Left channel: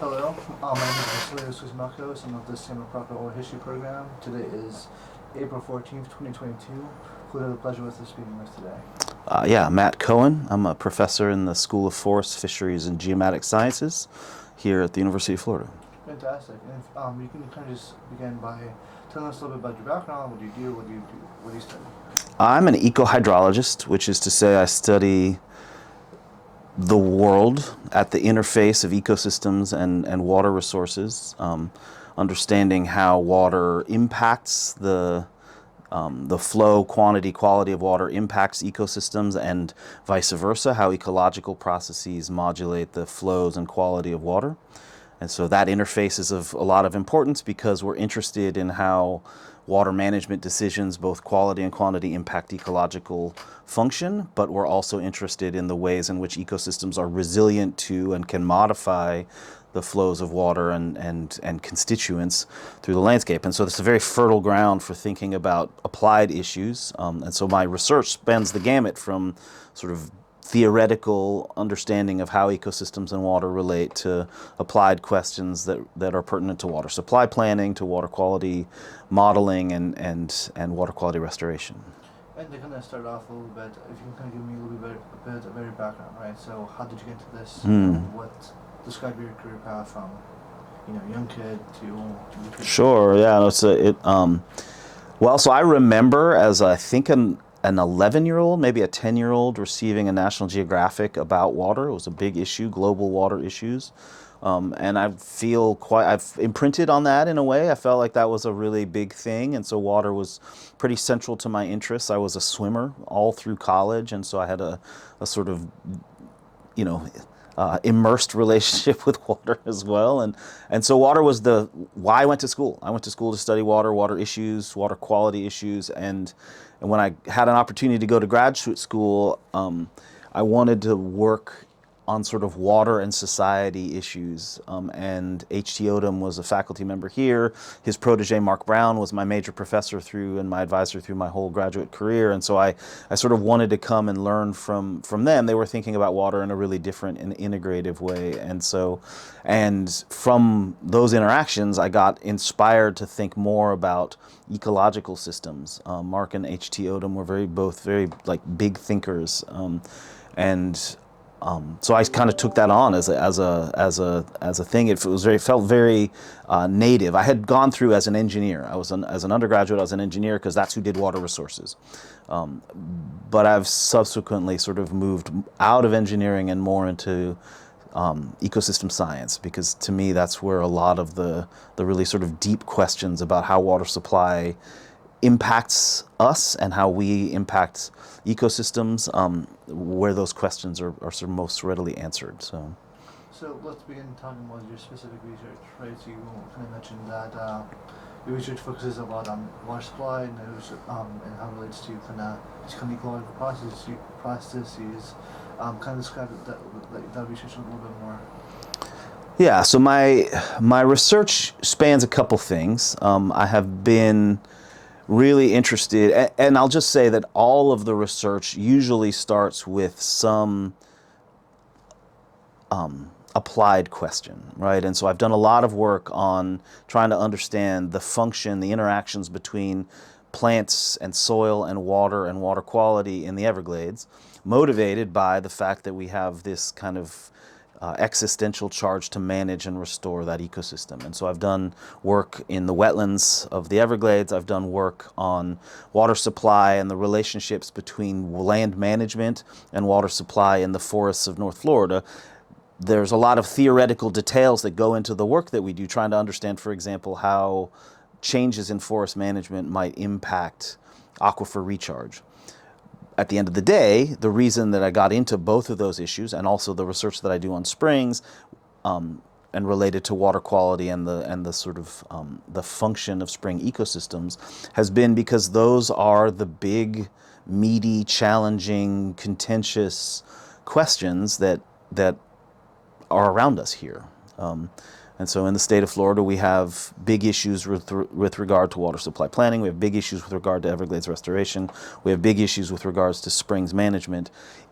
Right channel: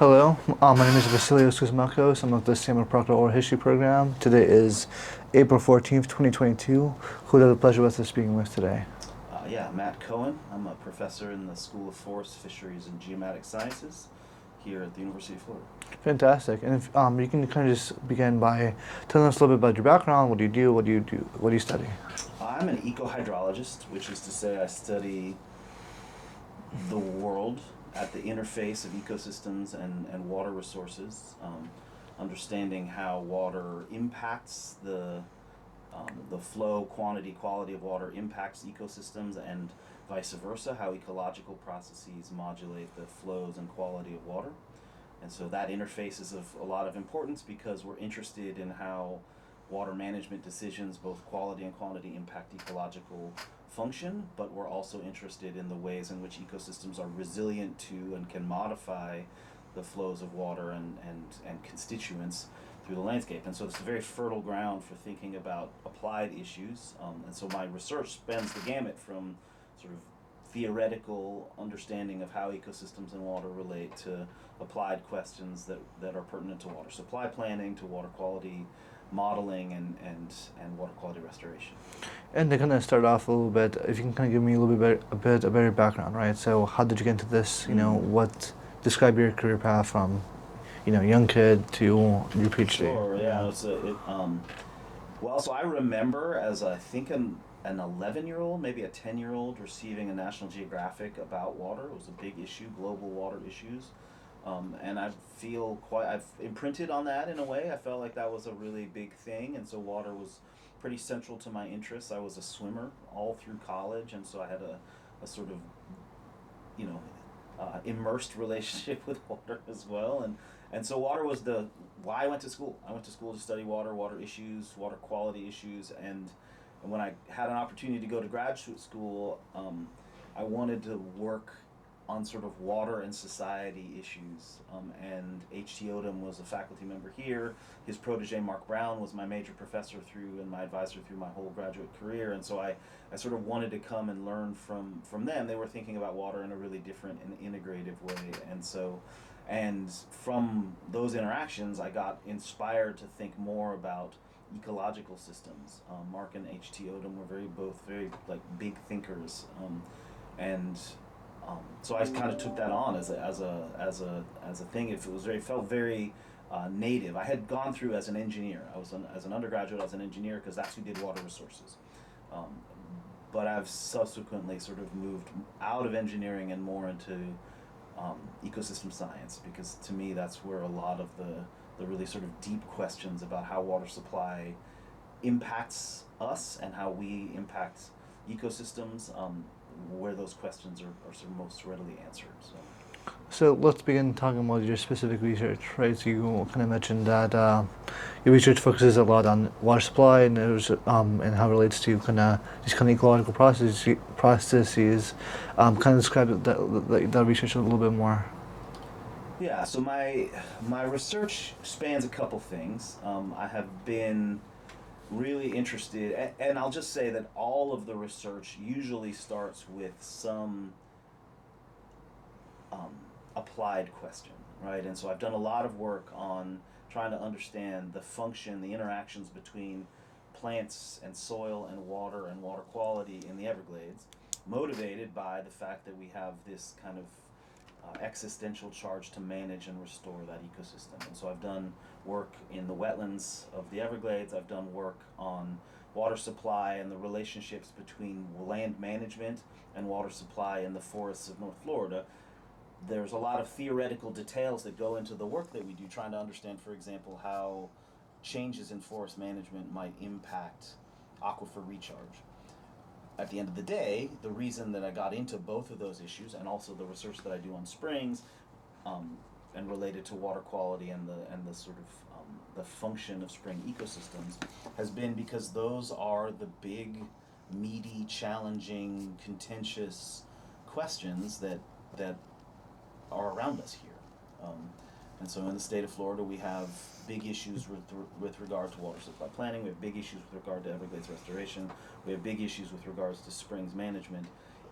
Hello, my name is Vasilios Kosmakos. I'm of the Samuel Proctor Oral History Program. Today is April 14th, 2022. Who do I have the pleasure with us speaking with today? Yeah, Matt Cohen. I'm a professor in the School of Forest, Fisheries, and Geomatic Sciences here at the University of Florida. Fantastic. And if you can kind of just begin by telling us a little bit about your background. What do you do? What do you study? I'm an ecohydrologist, which is to say I study the world at the interface of ecosystems and water resources, understanding how water impacts the flow, quantity, quality of water impacts ecosystems and vice versa, how ecological processes modulate the flows and quality of water. And so that interface is of a lot of importance because we're interested in how water management decisions, both quality and quantity, impact ecological function, but we're also interested in the ways in which ecosystems are resilient to and can modify the flows of water and constituents through the landscape. And so it's a very fertile ground for thinking about applied issues. And so my research spans the gamut from sort of theoretical understanding of how ecosystems and water relate to applied questions that are pertinent to water supply planning, to water quality modeling, and water quality restoration. And to kind of start off a little bit, if you can kind of give me a little bit a better background, right? So how did you get into this? Describe your career path from, young kid to your PhD. Sure. Yeah. Well, so I remember as I think an 11-year-old, maybe a 10-year-old, receiving a National Geographic about water. It was a big issue, global water issues. And I've imprinted on that in a way. I felt like that was a really big thing. And so water was pretty central to my interests. I was a swimmer all through college. And so I had a sort of, immersed relationship with water as well. And so water was why I went to school. I went to school to study water issues, water quality issues. And when I had an opportunity to go to graduate school, I wanted to work on sort of water and society issues. And H.T. Odom was a faculty member here. His protege, Mark Brown, was my major professor and my advisor through my whole graduate career. And so I sort of wanted to come and learn from them. They were thinking about water in a really different and integrative way. And from those interactions, I got inspired to think more about ecological systems. Mark and H.T. Odom were both very like big thinkers. So I kind of took that on as a thing. It felt very native. I had gone through as an engineer. As an undergraduate, I was an engineer because that's who did water resources. But I've subsequently sort of moved out of engineering and more into ecosystem science, because to me that's where a lot of the really sort of deep questions about how water supply impacts us and how we impact ecosystems, where those questions are sort of most readily answered. So let's begin talking about your specific research, right? So you kind of mentioned that your research focuses a lot on water supply and and how it relates to these kind of ecological processes. Kind of describe that research a little bit more. Yeah. So my research spans a couple things. I have been really interested, and I'll just say that all of the research usually starts with some applied question, right? And so I've done a lot of work on trying to understand the function, the interactions between plants and soil and water quality in the Everglades, motivated by the fact that we have this kind of existential charge to manage and restore that ecosystem. And so I've done work in the wetlands of the Everglades. I've done work on water supply and the relationships between land management and water supply in the forests of North Florida. There's a lot of theoretical details that go into the work that we do, trying to understand, for example, how changes in forest management might impact aquifer recharge. At the end of the day, the reason that I got into both of those issues, and also the research that I do on springs, and related to water quality and the sort of the function of spring ecosystems, has been because those are the big, meaty, challenging, contentious questions that are around us here. And so in the state of Florida, we have big issues with regard to water supply planning. We have big issues with regard to Everglades restoration. We have big issues with regards to springs management.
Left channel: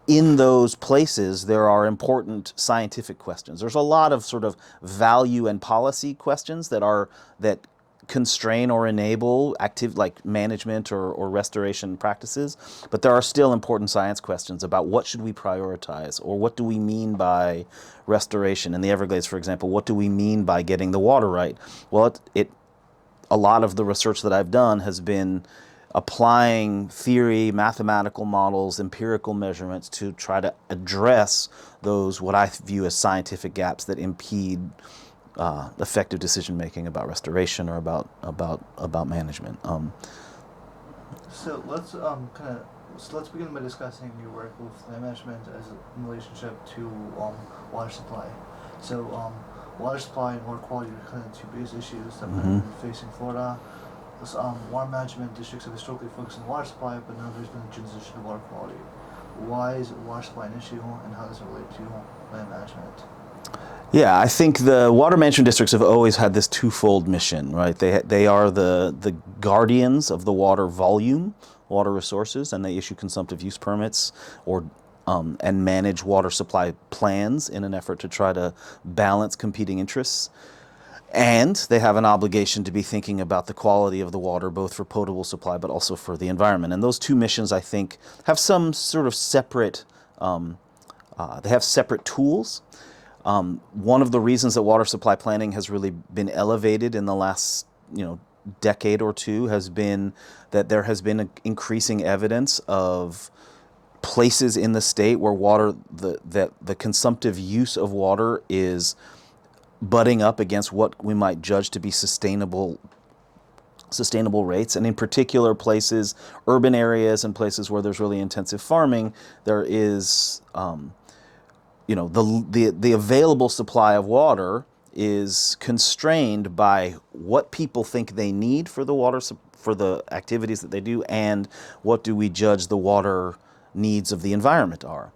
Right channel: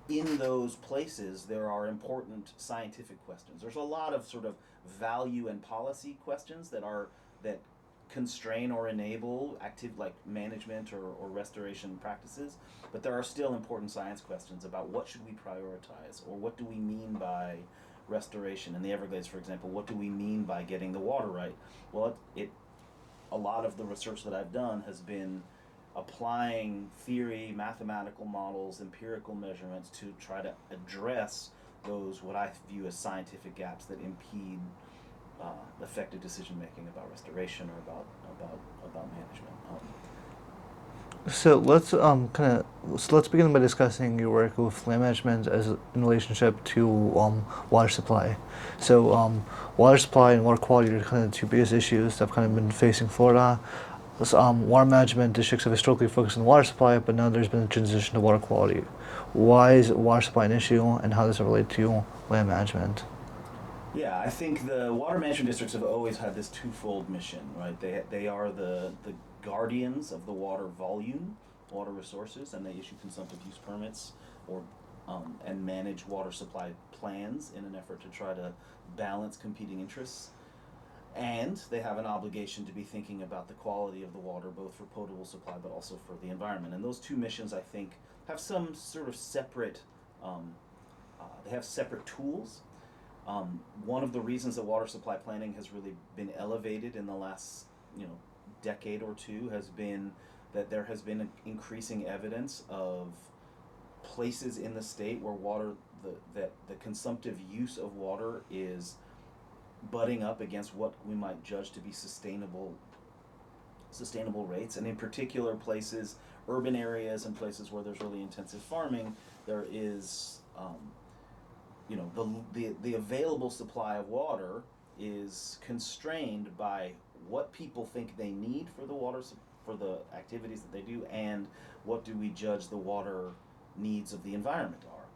in those places, there are important scientific questions. There's a lot of sort of value and policy questions that constrain or enable active like management or restoration practices, but there are still important science questions about what should we prioritize, or what do we mean by restoration in the Everglades, for example. What do we mean by getting the water right? Well, a lot of the research that I've done has been applying theory, mathematical models, empirical measurements to try to address those, what I view as scientific gaps that impede effective decision making about restoration or about management. So let's begin by discussing your work with land management as in relationship to water supply. So water supply and water quality are kind of the two biggest issues that have kind of been facing Florida. Water management districts have historically focused on water supply, but now there's been a transition to water quality. Why is water supply an issue, and how does it relate to land management? Yeah, I think the water management districts have always had this twofold mission, right? They are the guardians of the water volume, water resources, and they issue consumptive use permits or and manage water supply plans in an effort to try to balance competing interests. And they have an obligation to be thinking about the quality of the water, both for potable supply but also for the environment. And those two missions, I think, have some sort of separate, they have separate tools. One of the reasons that water supply planning has really been elevated in the last, decade or two has been that there has been increasing evidence of places in the state where the consumptive use of water is butting up against what we might judge to be sustainable rates. And in particular places, urban areas and places where there's really intensive farming, there is, the available supply of water is constrained by what people think they need for the water, for the activities that they do, and what do we judge the water needs of the environment are.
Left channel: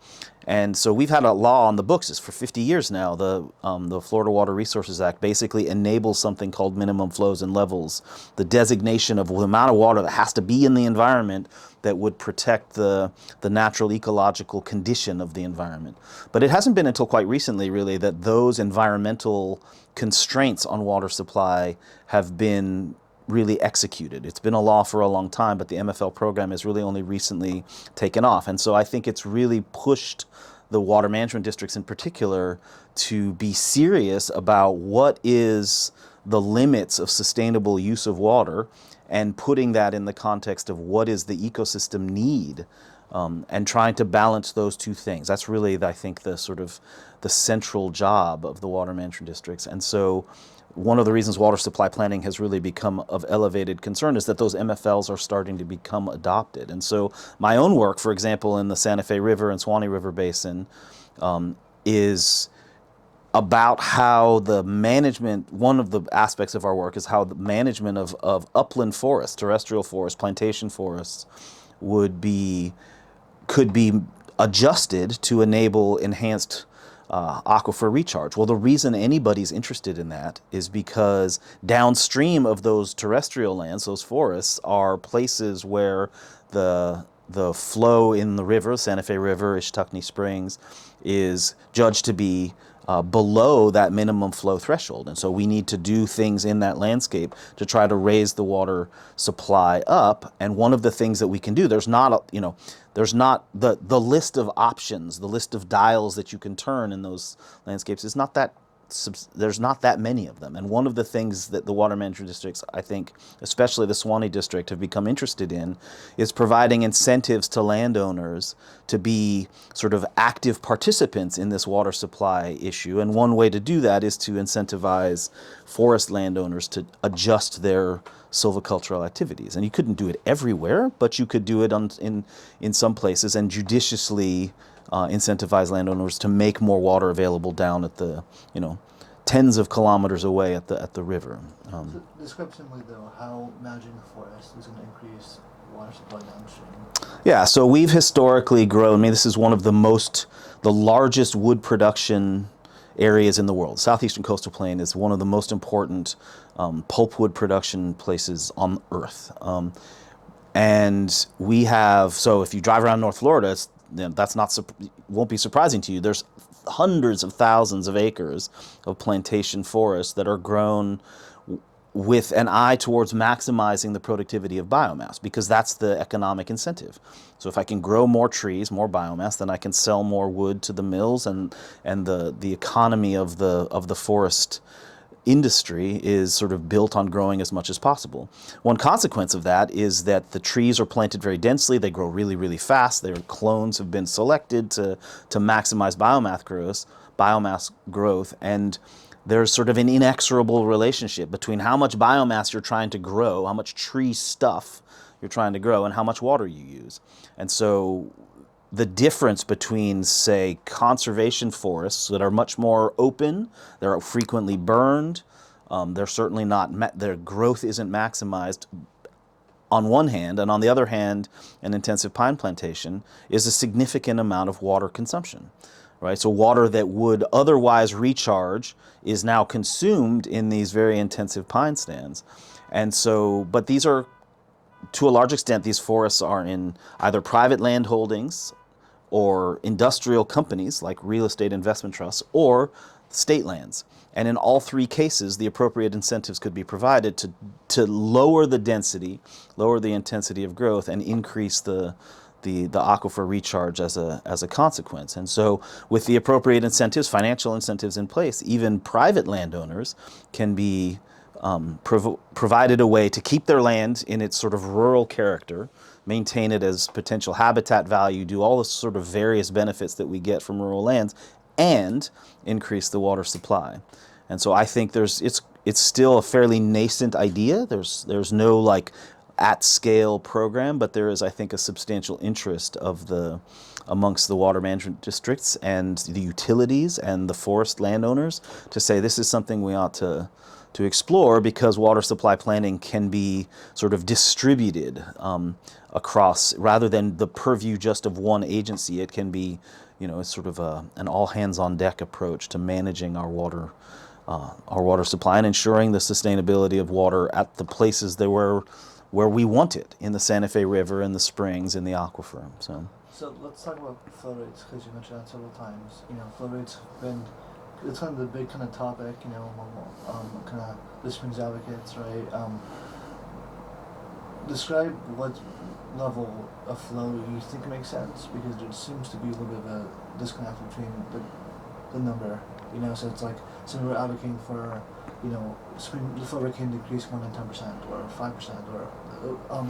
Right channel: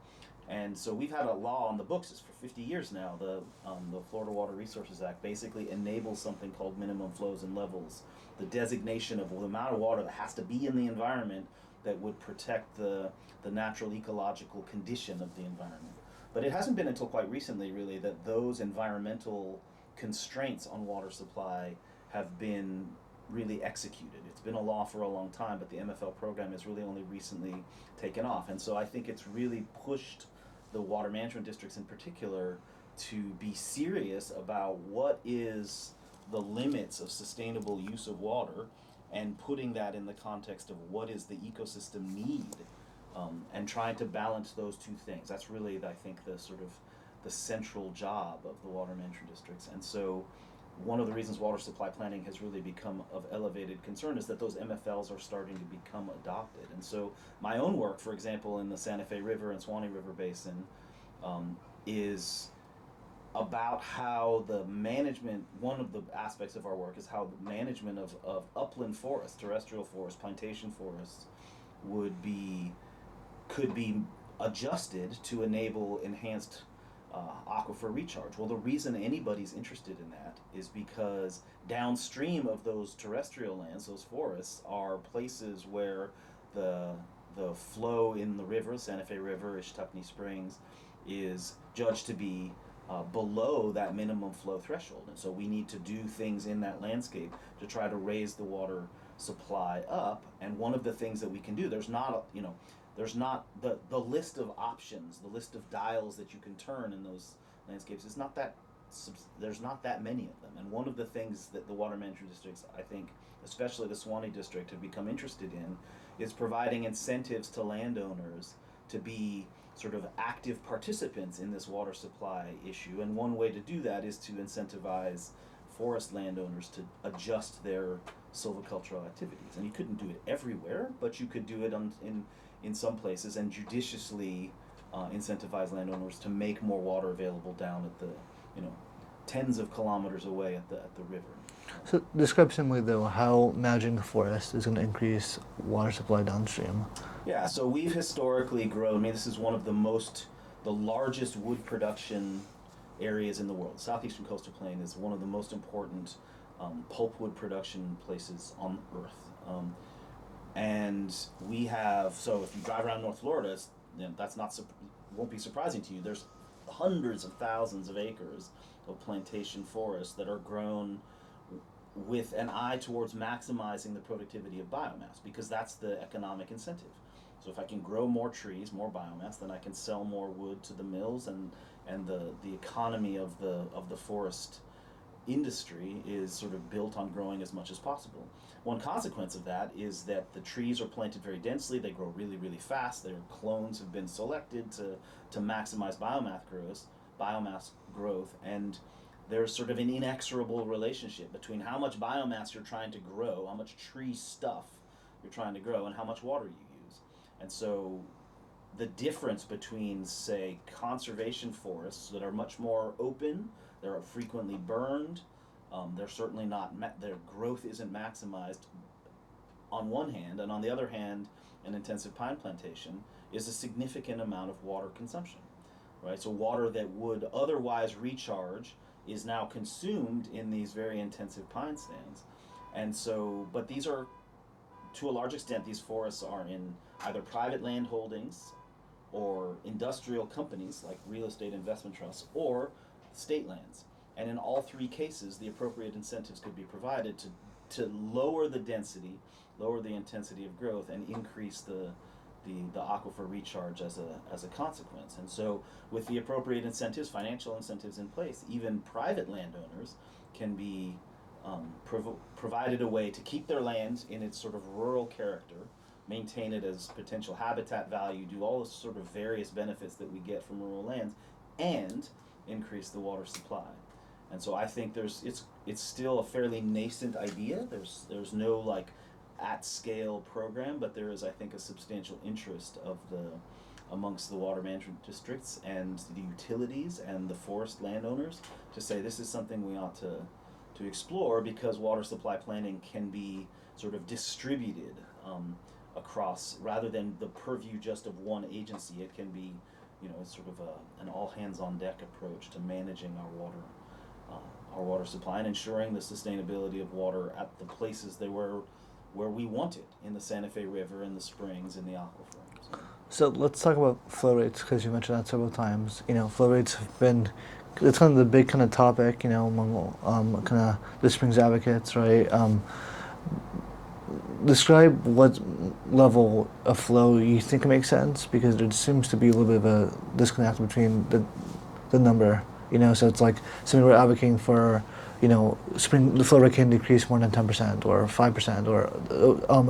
And so we've had a law on the books for 50 years now. The Florida Water Resources Act basically enables something called minimum flows and levels, the designation of the amount of water that has to be in the environment that would protect the natural ecological condition of the environment. But it hasn't been until quite recently, really, that those environmental constraints on water supply have been really executed. It's been a law for a long time, but the MFL program has really only recently taken off. And so I think it's really pushed the water management districts in particular to be serious about what is the limits of sustainable use of water, and putting that in the context of what is the ecosystem need, and trying to balance those two things. That's really, I think, the sort of the central job of the water management districts. And so one of the reasons water supply planning has really become of elevated concern is that those MFLs are starting to become adopted. And so my own work, for example, in the Santa Fe River and Swanee River Basin, is about how the management, one of the aspects of our work is how the management of upland forests, terrestrial forests, plantation forests could be adjusted to enable enhanced aquifer recharge. Well, the reason anybody's interested in that is because downstream of those terrestrial lands, those forests, are places where the flow in the river, Santa Fe River, Ishtuckney Springs, is judged to be below that minimum flow threshold. And so we need to do things in that landscape to try to raise the water supply up. And one of the things that we can do, there's not the list of options, the list of dials that you can turn in those landscapes is not that, there's not that many of them. And one of the things that the water management districts, I think, especially the Swanee district, have become interested in is providing incentives to landowners to be sort of active participants in this water supply issue. And one way to do that is to incentivize forest landowners to adjust their silvicultural activities. And you couldn't do it everywhere, but you could do it in some places and judiciously incentivize landowners to make more water available down at the, tens of kilometers away at the river. So describe simply, though, how managing the forest is going to increase water supply downstream. Yeah, so we've historically grown, this is one of the largest wood production areas in the world. Southeastern Coastal Plain is one of the most important pulpwood production places on Earth. And we have, so if you drive around North Florida, that's not won't be surprising to you. There's hundreds of thousands of acres of plantation forests that are grown with an eye towards maximizing the productivity of biomass, because that's the economic incentive. So if I can grow more trees, more biomass, then I can sell more wood to the mills, and the economy of the forest industry is sort of built on growing as much as possible. One consequence of that is that the trees are planted very densely, they grow really, really fast, their clones have been selected to maximize biomass growth, and there's sort of an inexorable relationship between how much biomass you're trying to grow, how much tree stuff you're trying to grow, and how much water you use. And so the difference between, say, conservation forests that are much more open, they're frequently burned, they're certainly not, their growth isn't maximized on one hand, and on the other hand, an intensive pine plantation is a significant amount of water consumption, right? So water that would otherwise recharge is now consumed in these very intensive pine stands. And so, but these are, to a large extent, these forests are in either private land holdings or industrial companies like real estate investment trusts, or state lands. And in all three cases, the appropriate incentives could be provided to lower the density, lower the intensity of growth, and increase the aquifer recharge as a consequence. And so with the appropriate incentives, financial incentives in place, even private landowners can be provided a way to keep their land in its sort of rural character, maintain it as potential habitat value, do all the sort of various benefits that we get from rural lands, and increase the water supply. And so I think it's still a fairly nascent idea. There's no like at-scale program, but there is, I think, a substantial interest amongst the water management districts and the utilities and the forest landowners to say this is something we ought to explore, because water supply planning can be sort of distributed across, rather than the purview just of one agency. It can be, it's sort of an all-hands-on-deck approach to managing our water supply and ensuring the sustainability of water at the places where we want it, in the Santa Fe River, in the springs, in the aquifer. So let's talk about flow rates, because you mentioned that several times. Flow rates have been, it's kind of the big kind of topic, among kind of the springs advocates, right? Describe what level of flow you think makes sense, because there seems to be a little bit of a disconnect between the number, so it's like something we're advocating for, the flow rate can decrease more than 10% or 5% or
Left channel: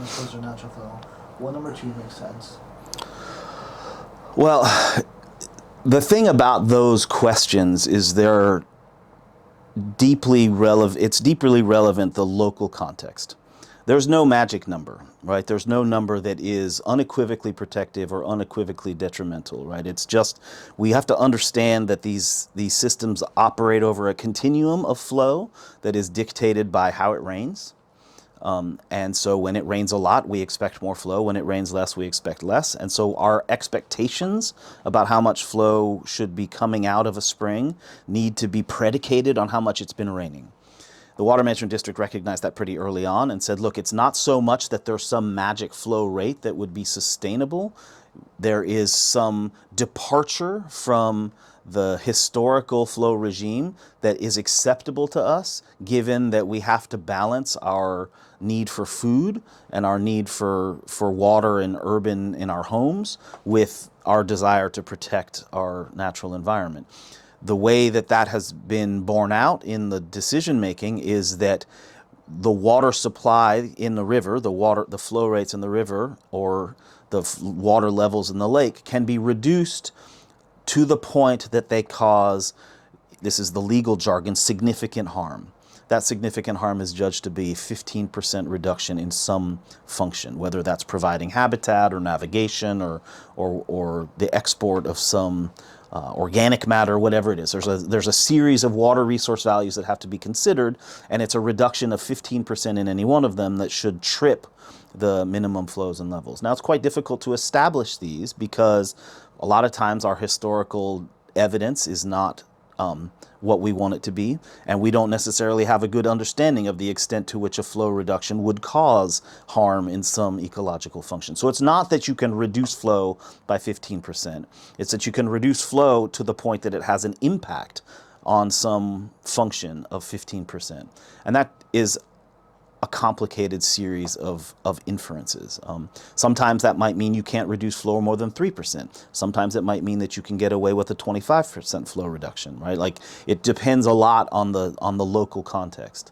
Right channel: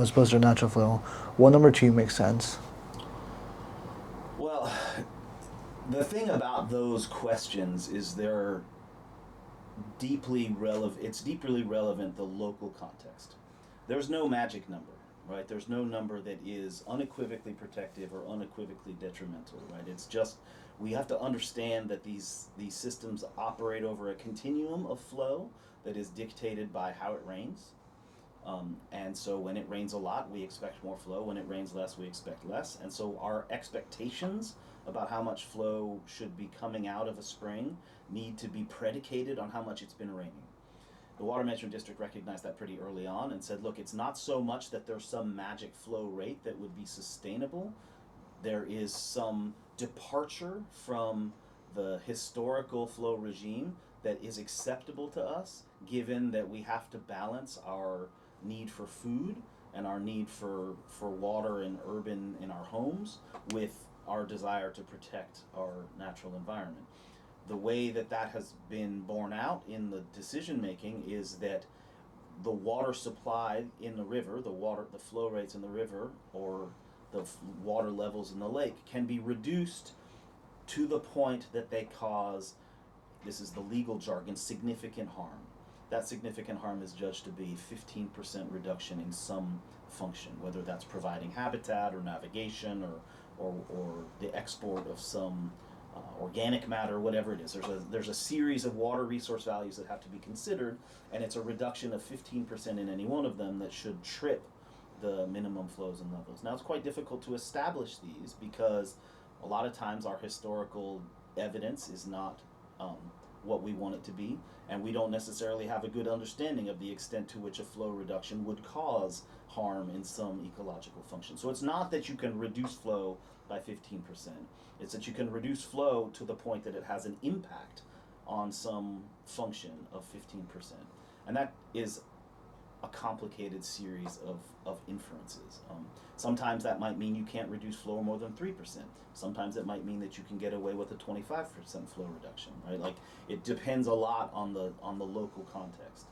as opposed to natural flow. What number to you makes sense? Well, the thing about those questions is it's deeply relevant, the local context. There's no magic number, right? There's no number that is unequivocally protective or unequivocally detrimental, right? It's just, we have to understand that these systems operate over a continuum of flow that is dictated by how it rains. And so when it rains a lot, we expect more flow. When it rains less, we expect less. And so our expectations about how much flow should be coming out of a spring need to be predicated on how much it's been raining. The Water Management District recognized that pretty early on and said, look, it's not so much that there's some magic flow rate that would be sustainable. There is some departure from the historical flow regime that is acceptable to us, given that we have to balance our need for food and our need for water in our homes with our desire to protect our natural environment. The way that has been borne out in the decision making is that the water supply in the river, the flow rates in the river, or the water levels in the lake can be reduced to the point that they cause, this is the legal jargon, significant harm. That significant harm is judged to be 15% reduction in some function, whether that's providing habitat or navigation or the export of some organic matter, whatever it is. There's a series of water resource values that have to be considered, and it's a reduction of 15% in any one of them that should trip the minimum flows and levels. Now, it's quite difficult to establish these because a lot of times our historical evidence is not what we want it to be, and we don't necessarily have a good understanding of the extent to which a flow reduction would cause harm in some ecological function. So it's not that you can reduce flow by 15%, it's that you can reduce flow to the point that it has an impact on some function of 15%. And that is a complicated series of inferences. Sometimes that might mean you can't reduce flow more than 3%. Sometimes it might mean that you can get away with a 25% flow reduction, right? Like, it depends a lot on the local context.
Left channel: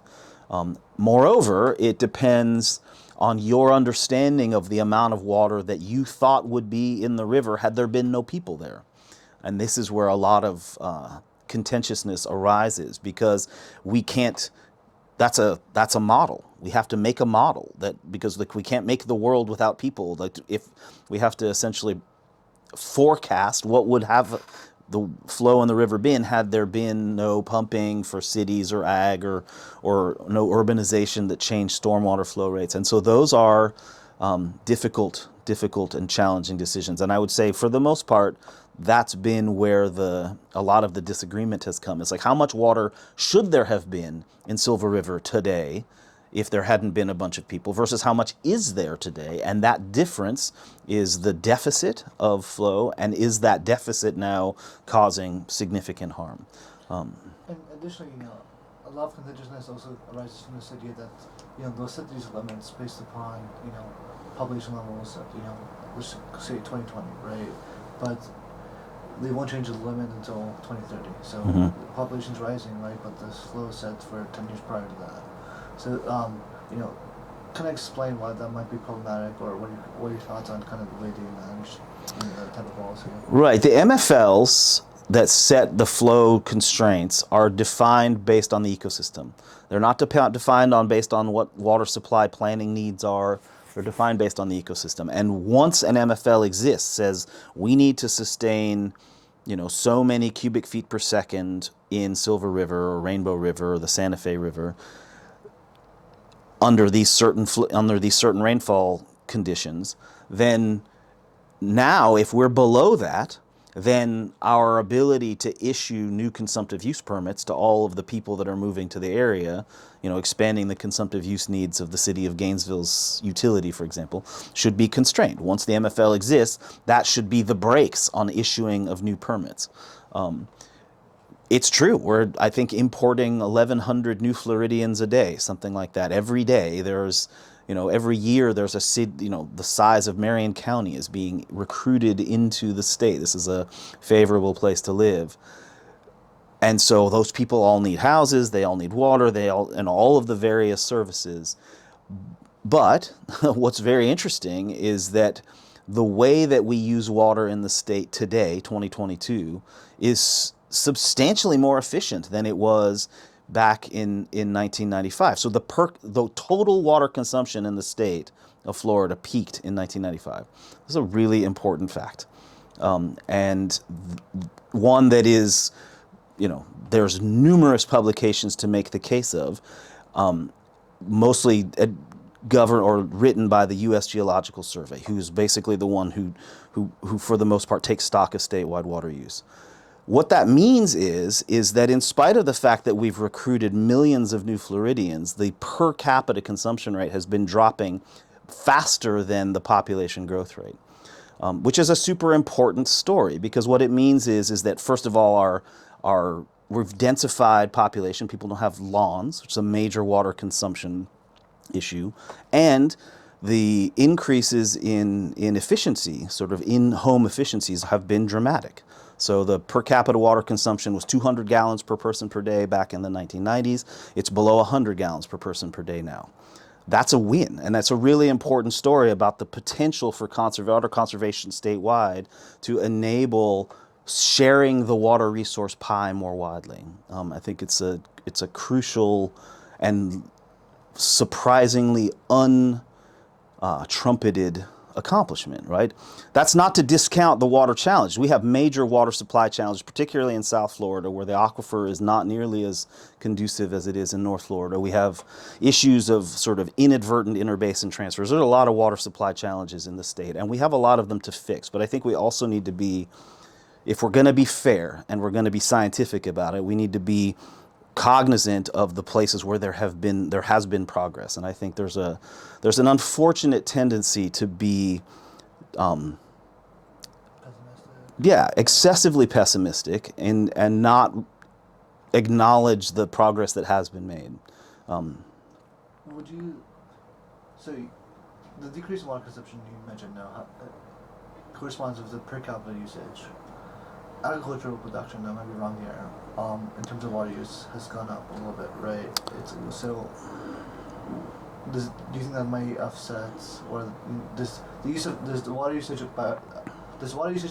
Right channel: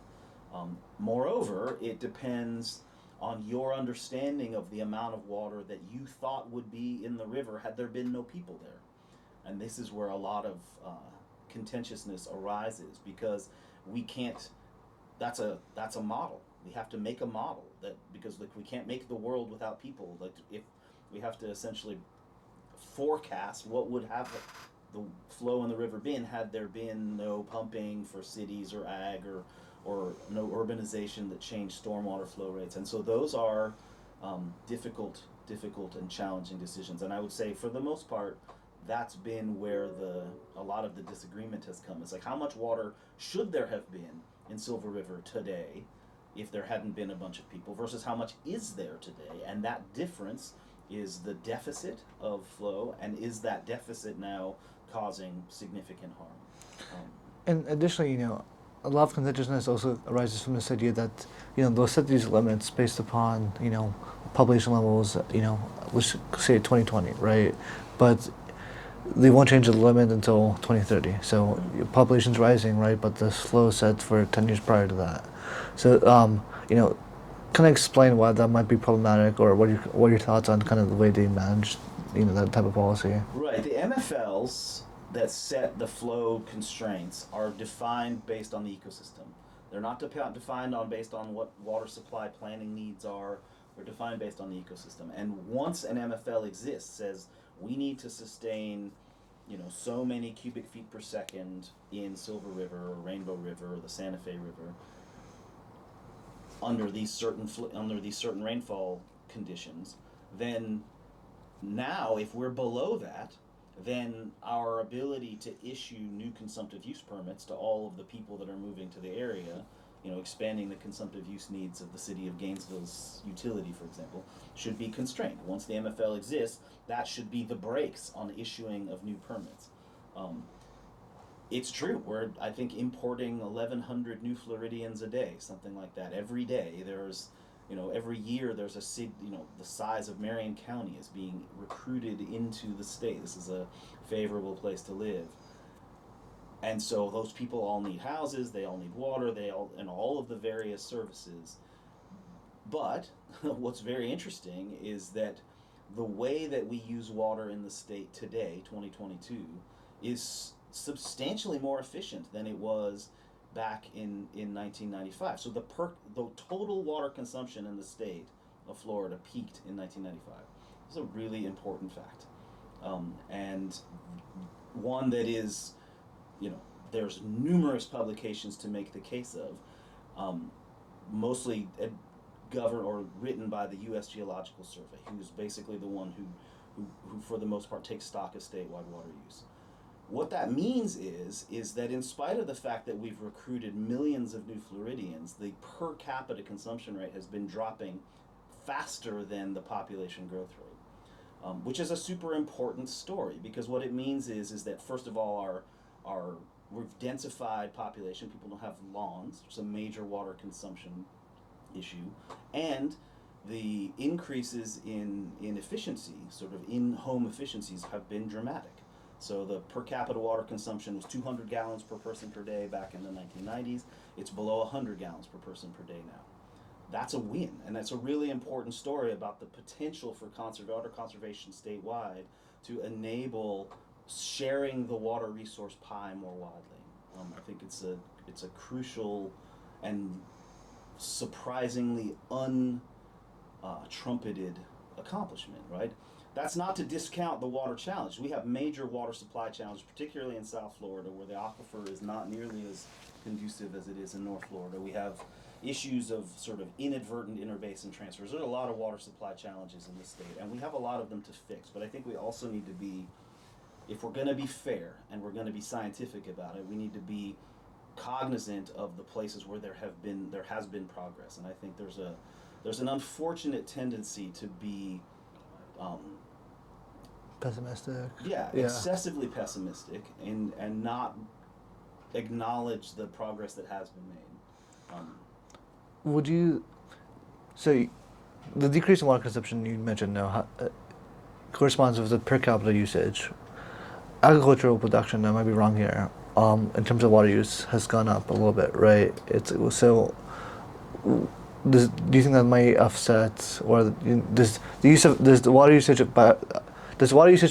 Moreover, it depends on your understanding of the amount of water that you thought would be in the river had there been no people there. And this is where a lot of contentiousness arises, because we can't, that's a model. We have to make a model that, because like we can't make the world without people. Like, if we have to essentially forecast what would have the flow in the river been had there been no pumping for cities or ag, or no urbanization that changed stormwater flow rates. And so those are difficult and challenging decisions. And I would say, for the most part, that's been where a lot of the disagreement has come. It's like, how much water should there have been in Silver River today if there hadn't been a bunch of people, versus how much is there today? And that difference is the deficit of flow, and is that deficit now causing significant harm? And additionally, a lot of contentiousness also arises from this idea that, they'll set these limits based upon, population levels, let's say 2020, right? But they won't change the limit until 2030. So population's rising, right? But the flow is set for 10 years prior to that. So, kind of explain why that might be problematic, or what are your thoughts on kind of the way they manage, that type of policy? Right. The MFLs that set the flow constraints are defined based on the ecosystem. They're not defined based on what water supply planning needs are. They're defined based on the ecosystem. And once an MFL exists, says we need to sustain, so many cubic feet per second in Silver River or Rainbow River or the Santa Fe River under these certain rainfall conditions, then now, if we're below that, then our ability to issue new consumptive use permits to all of the people that are moving to the area, expanding the consumptive use needs of the city of Gainesville's utility, for example, should be constrained. Once the MFL exists, that should be the brakes on issuing of new permits. It's true, we're, I think, importing 1,100 new Floridians a day, something like that. Every day there's, every year there's a city, the size of Marion County is being recruited into the state. This is a favorable place to live. And so those people all need houses, they all need water, and all of the various services. But what's very interesting is that the way that we use water in the state today, 2022, is substantially more efficient than it was back in 1995. So the total water consumption in the state of Florida peaked in 1995. This is a really important fact, and one that is, there's numerous publications to make the case of, mostly governed or written by the U.S. Geological Survey, who's basically the one who for the most part takes stock of statewide water use. What that means is that in spite of the fact that we've recruited millions of new Floridians, the per capita consumption rate has been dropping faster than the population growth rate, which is a super important story, because what it means is that, first of all, we've densified population. People don't have lawns, which is a major water consumption issue, and the increases in efficiency, sort of in-home efficiencies, have been dramatic. So the per capita water consumption was 200 gallons per person per day back in the 1990s. It's below 100 gallons per person per day now. That's a win, and that's a really important story about the potential for water conservation statewide to enable sharing the water resource pie more widely. I think it's a crucial and surprisingly trumpeted accomplishment, right? That's not to discount the water challenge. We have major water supply challenges, particularly in South Florida, where the aquifer is not nearly as conducive as it is in North Florida. We have issues of sort of inadvertent interbasin transfers. There's a lot of water supply challenges in the state, and we have a lot of them to fix. But I think we also need to be if we're going to be fair and we're going to be scientific about it, we need to be cognizant of the places where there has been progress. And I think there's an unfortunate tendency to be Pessimistic. excessively pessimistic and not acknowledge the progress that has been made. Would you so the decrease in water consumption you mentioned now corresponds with the per capita usage. Agricultural production, I might be wrong here, in terms of water use has gone up a little bit, right? So do you think that might offset, or does the water usage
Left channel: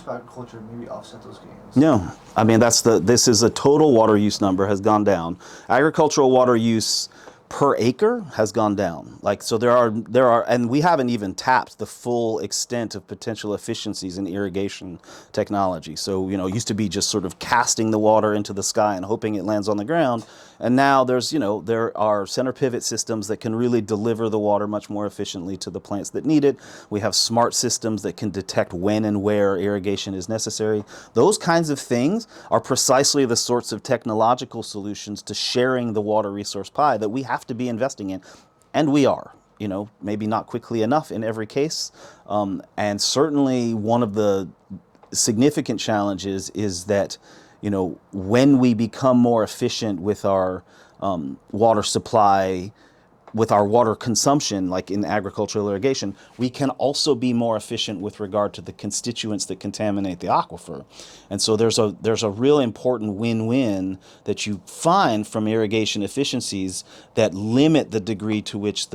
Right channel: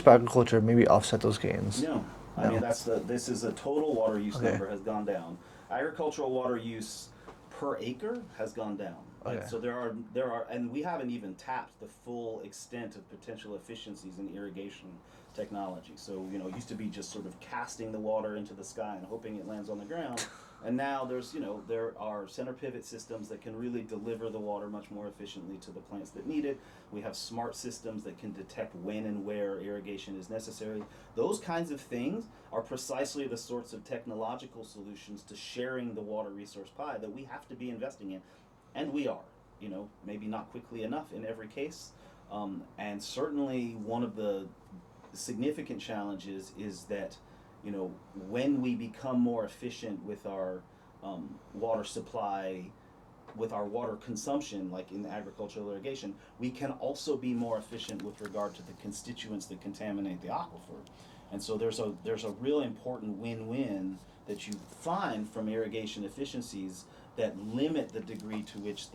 by agriculture maybe offset those gains? No, I mean this is a total water use number has gone down. Agricultural water use per acre has gone down. So there are, and we haven't even tapped the full extent of potential efficiencies in irrigation technology. So, it used to be just sort of casting the water into the sky and hoping it lands on the ground. And now there are center pivot systems that can really deliver the water much more efficiently to the plants that need it. We have smart systems that can detect when and where irrigation is necessary. Those kinds of things are precisely the sorts of technological solutions to sharing the water resource pie that we have to be investing in. And we are, maybe not quickly enough in every case. And certainly one of the significant challenges is that when we become more efficient with our water supply, with our water consumption, like in agricultural irrigation, we can also be more efficient with regard to the constituents that contaminate the aquifer. And so there's a real important win-win that you find from irrigation efficiencies that limit the degree to which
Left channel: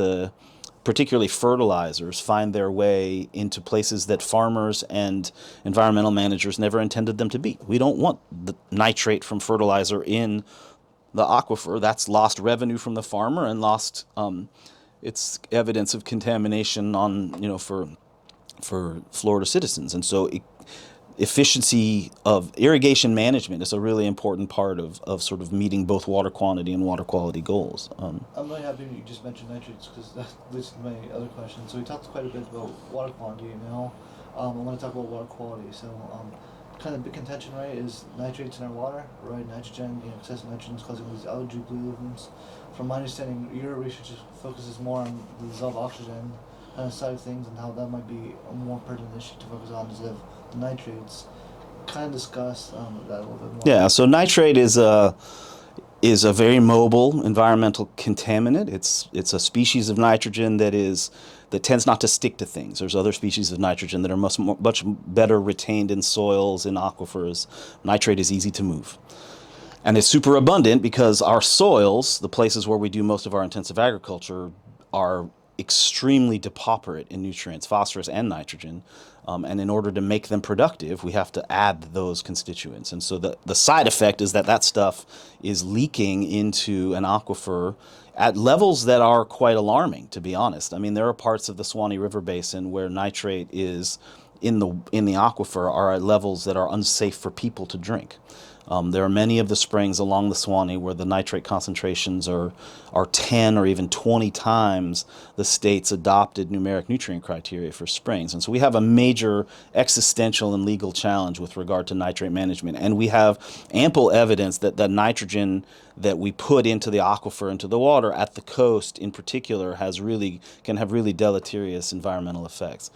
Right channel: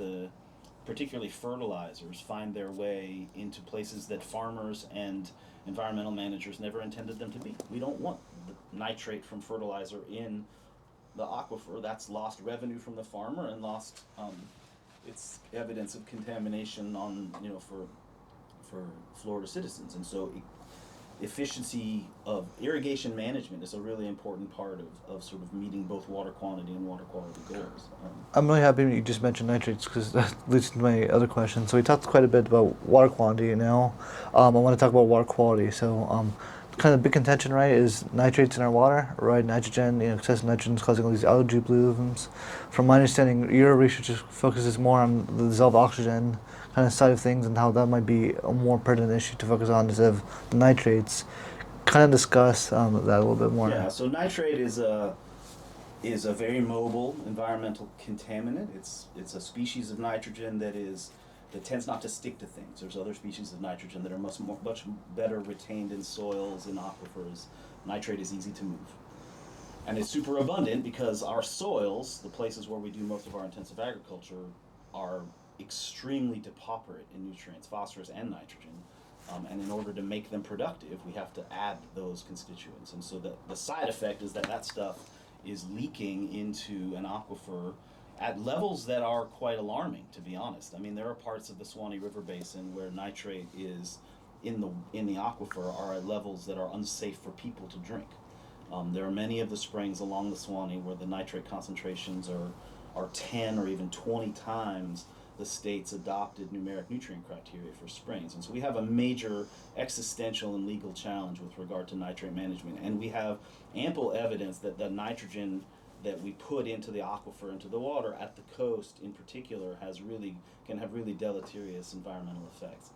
particularly fertilizers find their way into places that farmers and environmental managers never intended them to be. We don't want the nitrate from fertilizer in the aquifer. That's lost revenue from the farmer and lost it's evidence of contamination for Florida citizens. And so efficiency of irrigation management is a really important part of sort of meeting both water quantity and water quality goals. I'm really happy you just mentioned nitrates because that leads to my other question. So we talked quite a bit about water quantity now. I want to talk about water quality. So kind of big contention, right, is nitrates in our water, right? Nitrogen, excessive nitrogen is causing all these algae blooms. From my understanding, your research focuses more on the dissolved oxygen kind of side of things and how that might be a more pertinent issue to focus on instead of the nitrates. Kind of discuss that a little bit more. Yeah, so nitrate is a very mobile environmental contaminant. It's a species of nitrogen that tends not to stick to things. There's other species of nitrogen that are much better retained in soils, in aquifers. Nitrate is easy to move. And it's super abundant because our soils, the places where we do most of our intensive agriculture, are extremely depauperate in nutrients, phosphorus and nitrogen. And in order to make them productive, we have to add those constituents. And so the side effect is that stuff is leaking into an aquifer at levels that are quite alarming, to be honest. I mean, there are parts of the Swanee River Basin where nitrate is in the aquifer are at levels that are unsafe for people to drink. There are many of the springs along the Swanee where the nitrate concentrations are 10 or even 20 times the state's adopted numeric nutrient criteria for springs. And so we have a major existential and legal challenge with regard to nitrate management. And we have ample evidence that the nitrogen that we put into the aquifer, into the water at the coast in particular, can have really deleterious environmental effects.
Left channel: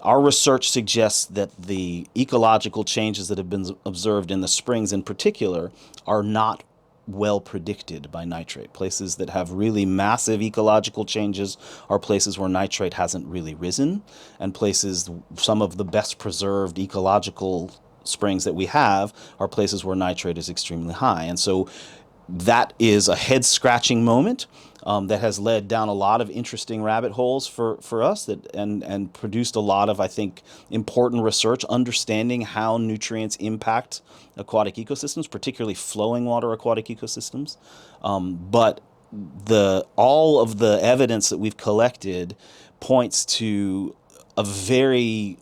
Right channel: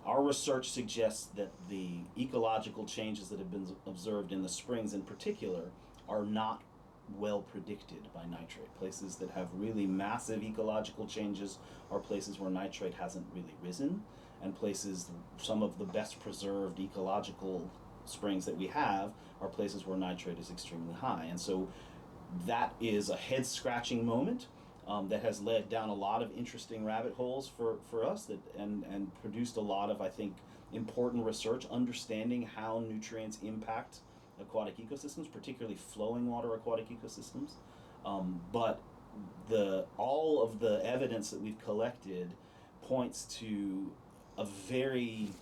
Our research suggests that the ecological changes that have been observed in the springs in particular are not well predicted by nitrate. Places that have really massive ecological changes are places where nitrate hasn't really risen, and some of the best preserved ecological springs that we have are places where nitrate is extremely high. And so that is a head-scratching moment that has led down a lot of interesting rabbit holes for us and produced a lot of, I think, important research understanding how nutrients impact aquatic ecosystems, particularly flowing water aquatic ecosystems. But all of the evidence that we've collected points to a very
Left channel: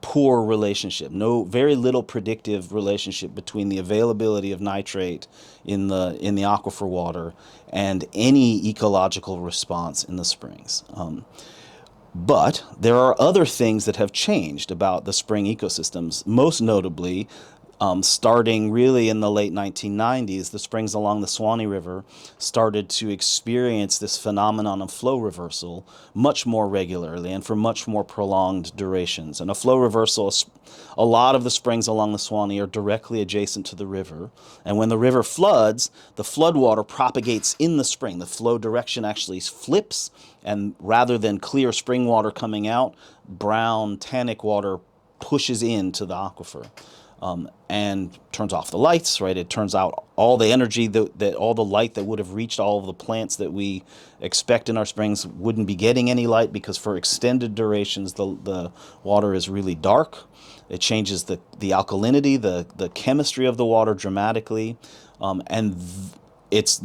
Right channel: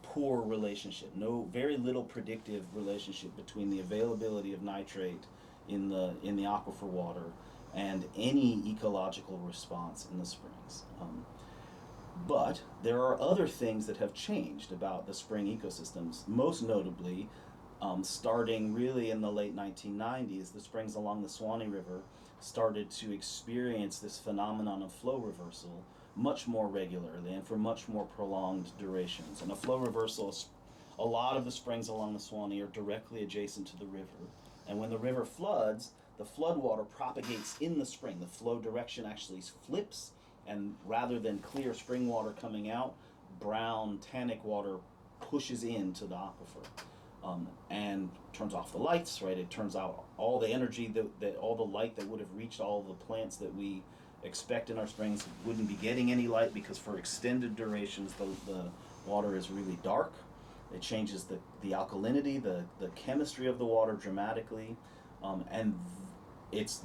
poor relationship, very little predictive relationship between the availability of nitrate in the aquifer water and any ecological response in the springs. But there are other things that have changed about the spring ecosystems, most notably, starting really in the late 1990s, the springs along the Swanee River started to experience this phenomenon of flow reversal much more regularly and for much more prolonged durations. And a flow reversal, a lot of the springs along the Swanee are directly adjacent to the river. And when the river floods, the floodwater propagates in the spring. The flow direction actually flips, and rather than clear spring water coming out, brown tannic water pushes into the aquifer. And turns off the lights, right? It turns out all the energy that all the light that would have reached all of the plants that we expect in our springs wouldn't be getting any light, because for extended durations the water is really dark. It changes the alkalinity, the chemistry of the water dramatically, and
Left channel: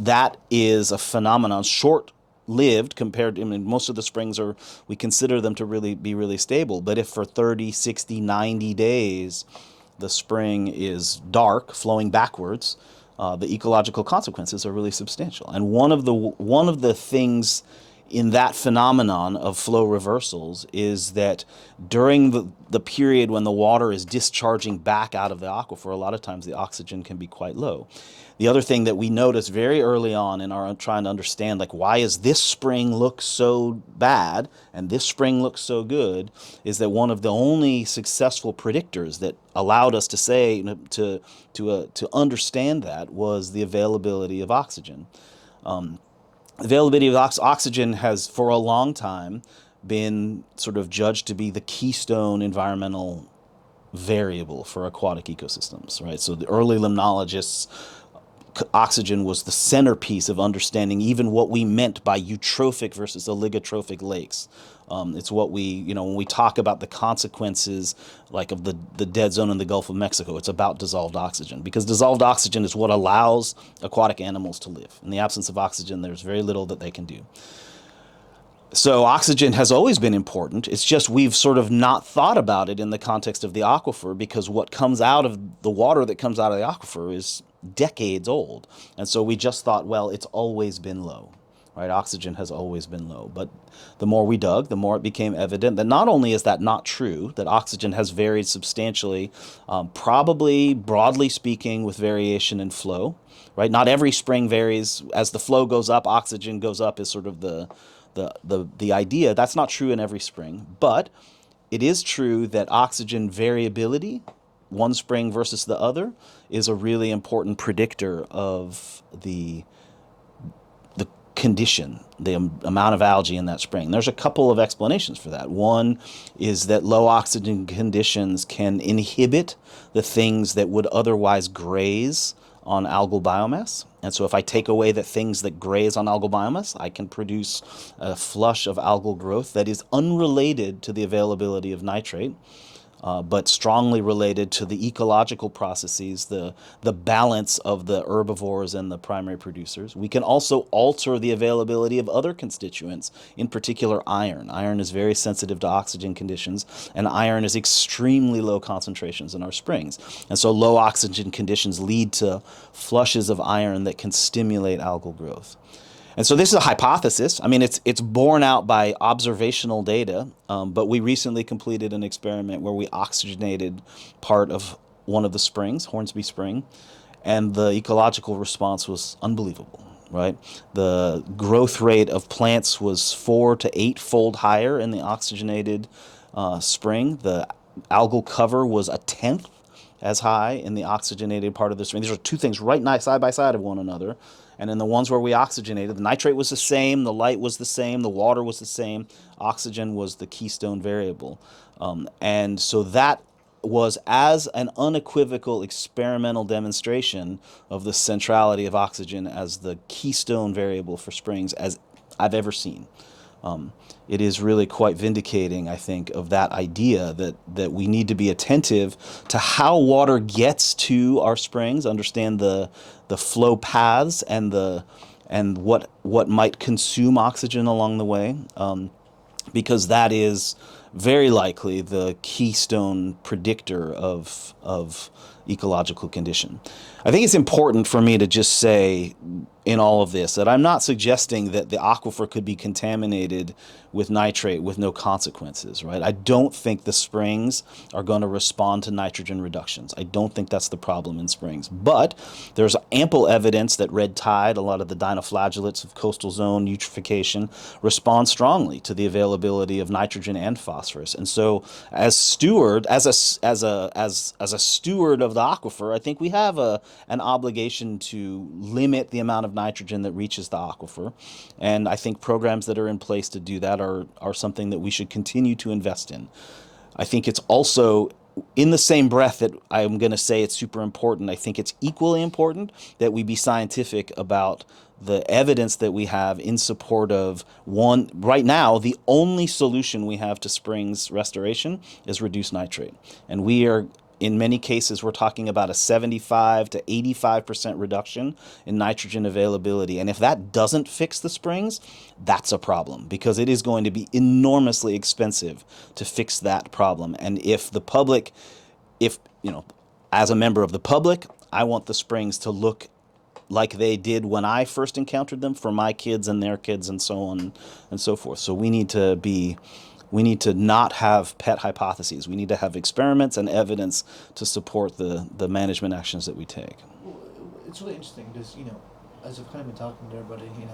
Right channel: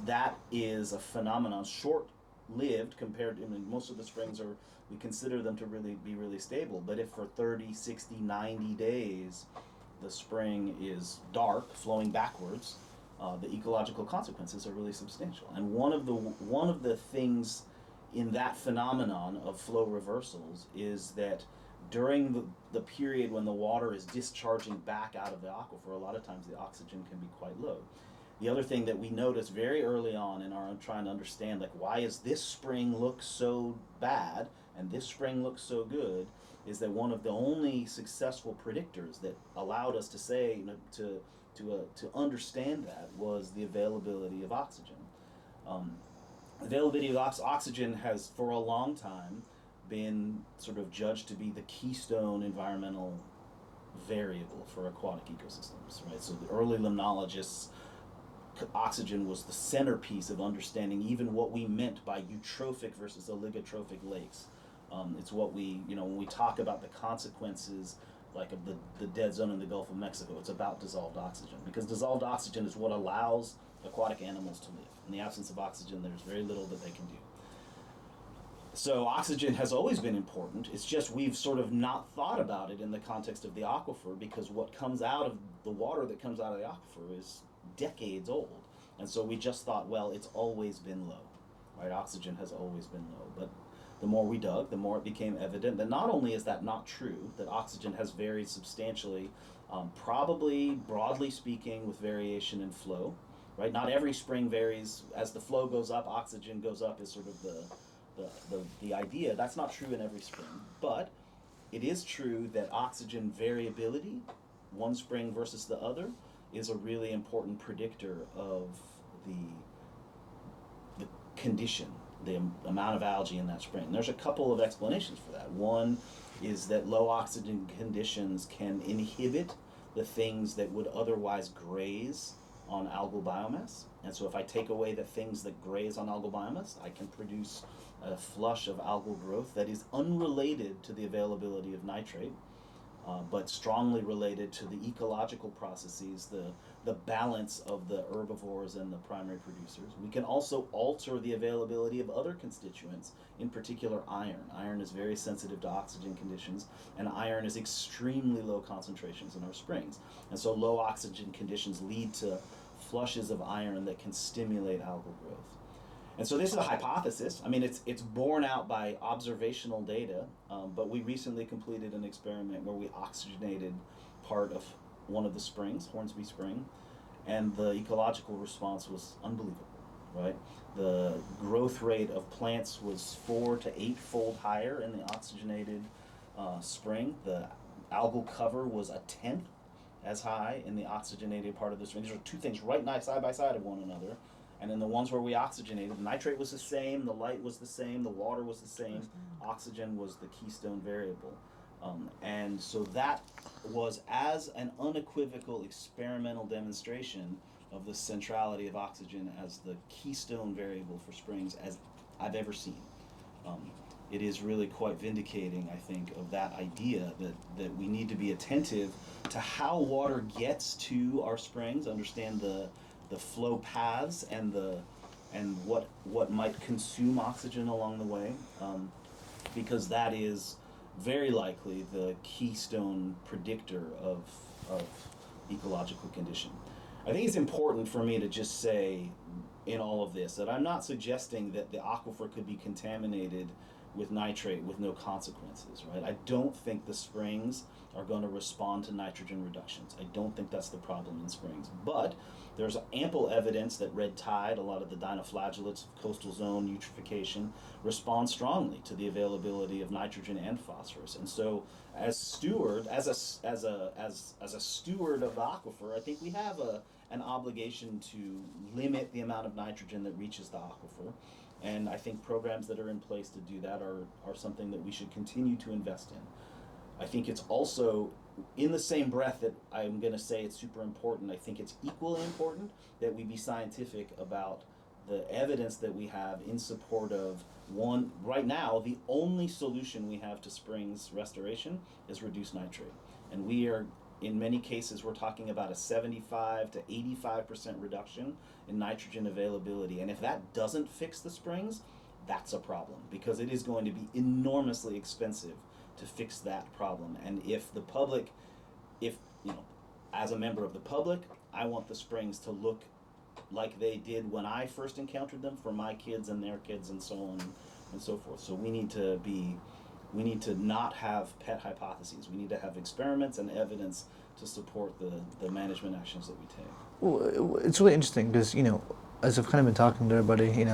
that is a phenomenon short-lived compared to, I mean, most of the springs we consider them to really be really stable, but if for 30, 60, 90 days the spring is dark, flowing backwards, the ecological consequences are really substantial. And one of the things in that phenomenon of flow reversals is that during the period when the water is discharging back out of the aquifer, a lot of times the oxygen can be quite low. The other thing that we noticed very early on in our trying to understand, like, why is this spring look so bad and this spring looks so good, is that one of the only successful predictors that allowed us to say, to understand that, was the availability of oxygen. Availability of oxygen has for a long time been sort of judged to be the keystone environmental variable for aquatic ecosystems, right? So the early limnologists, oxygen was the centerpiece of understanding even what we meant by eutrophic versus oligotrophic lakes. It's what when we talk about the consequences, like of the dead zone in the Gulf of Mexico, it's about dissolved oxygen, because dissolved oxygen is what allows aquatic animals to live. In the absence of oxygen, there's very little that they can do. So oxygen has always been important. It's just we've sort of not thought about it in the context of the aquifer, because what comes out of the water that comes out of the aquifer is decades old. And so we just thought, well, it's always been low, right? Oxygen has always been low. But the more we dug, the more it became evident that not only is that not true, that oxygen has varied substantially, probably broadly speaking with variation in flow, right? Not every spring varies. As the flow goes up, oxygen goes up is sort of the idea. That's not true in every spring, but it is true that oxygen variability, one spring versus the other, is a really important predictor of the condition, the amount of algae in that spring. There's a couple of explanations for that. One is that low oxygen conditions can inhibit the things that would otherwise graze on algal biomass. And so if I take away the things that graze on algal biomass, I can produce a flush of algal growth that is unrelated to the availability of nitrate, but strongly related to the ecological processes, the balance of the herbivores and the primary producers. We can also alter the availability of other constituents, in particular iron. Iron is very sensitive to oxygen conditions, and iron is extremely low concentrations in our springs. And so low oxygen conditions lead to flushes of iron that can stimulate algal growth. And so this is a hypothesis. I mean, it's borne out by observational data, but we recently completed an experiment where we oxygenated part of one of the springs, Hornsby Spring, and the ecological response was unbelievable, right? The growth rate of plants was 4 to 8-fold higher in the oxygenated spring. The algal cover was 1/10 as high in the oxygenated part of the spring. These are two things right side by side of one another. And in the ones where we oxygenated, the nitrate was the same, the light was the same, the water was the same. Oxygen was the keystone variable. And so that was as an unequivocal experimental demonstration of the centrality of oxygen as the keystone variable for springs as I've ever seen. It is really quite vindicating, I think, of that idea that we need to be attentive to how water gets to our springs, understand the flow paths and what might consume oxygen along the way, because that is very likely the keystone predictor of ecological condition. I think it's important for me to just say, in all of this, that I'm not suggesting that the aquifer could be contaminated with nitrate with no consequences, right? I don't think the springs are going to respond to nitrogen reductions. I don't think that's the problem in springs. But there's ample evidence that red tide, a lot of the dinoflagellates of coastal zone eutrophication, respond strongly to the availability of nitrogen and phosphorus. And so, as steward, as a steward of the aquifer, I think we have an obligation to limit the amount of nitrogen that reaches the aquifer. And I think programs that are in place to do that are something that we should continue to invest in. I think it's also, in the same breath that I'm going to say it's super important, I think it's equally important that we be scientific about the evidence that we have in support of one. Right now, the only solution we have to springs restoration is reduced nitrate. And we are, in many cases, we're talking about a 75 to 85% reduction in nitrogen availability. And if that doesn't fix the springs, that's a problem, because it is going to be enormously expensive to fix that problem. And if the public, as a member of the public, I want the springs to look like they did when I first encountered them for my kids and their kids and so on and so forth. So we need to not have pet hypotheses. We need to have experiments and evidence to support the management actions that we take. Well, it's really interesting because, as I've kind of been talking to everybody,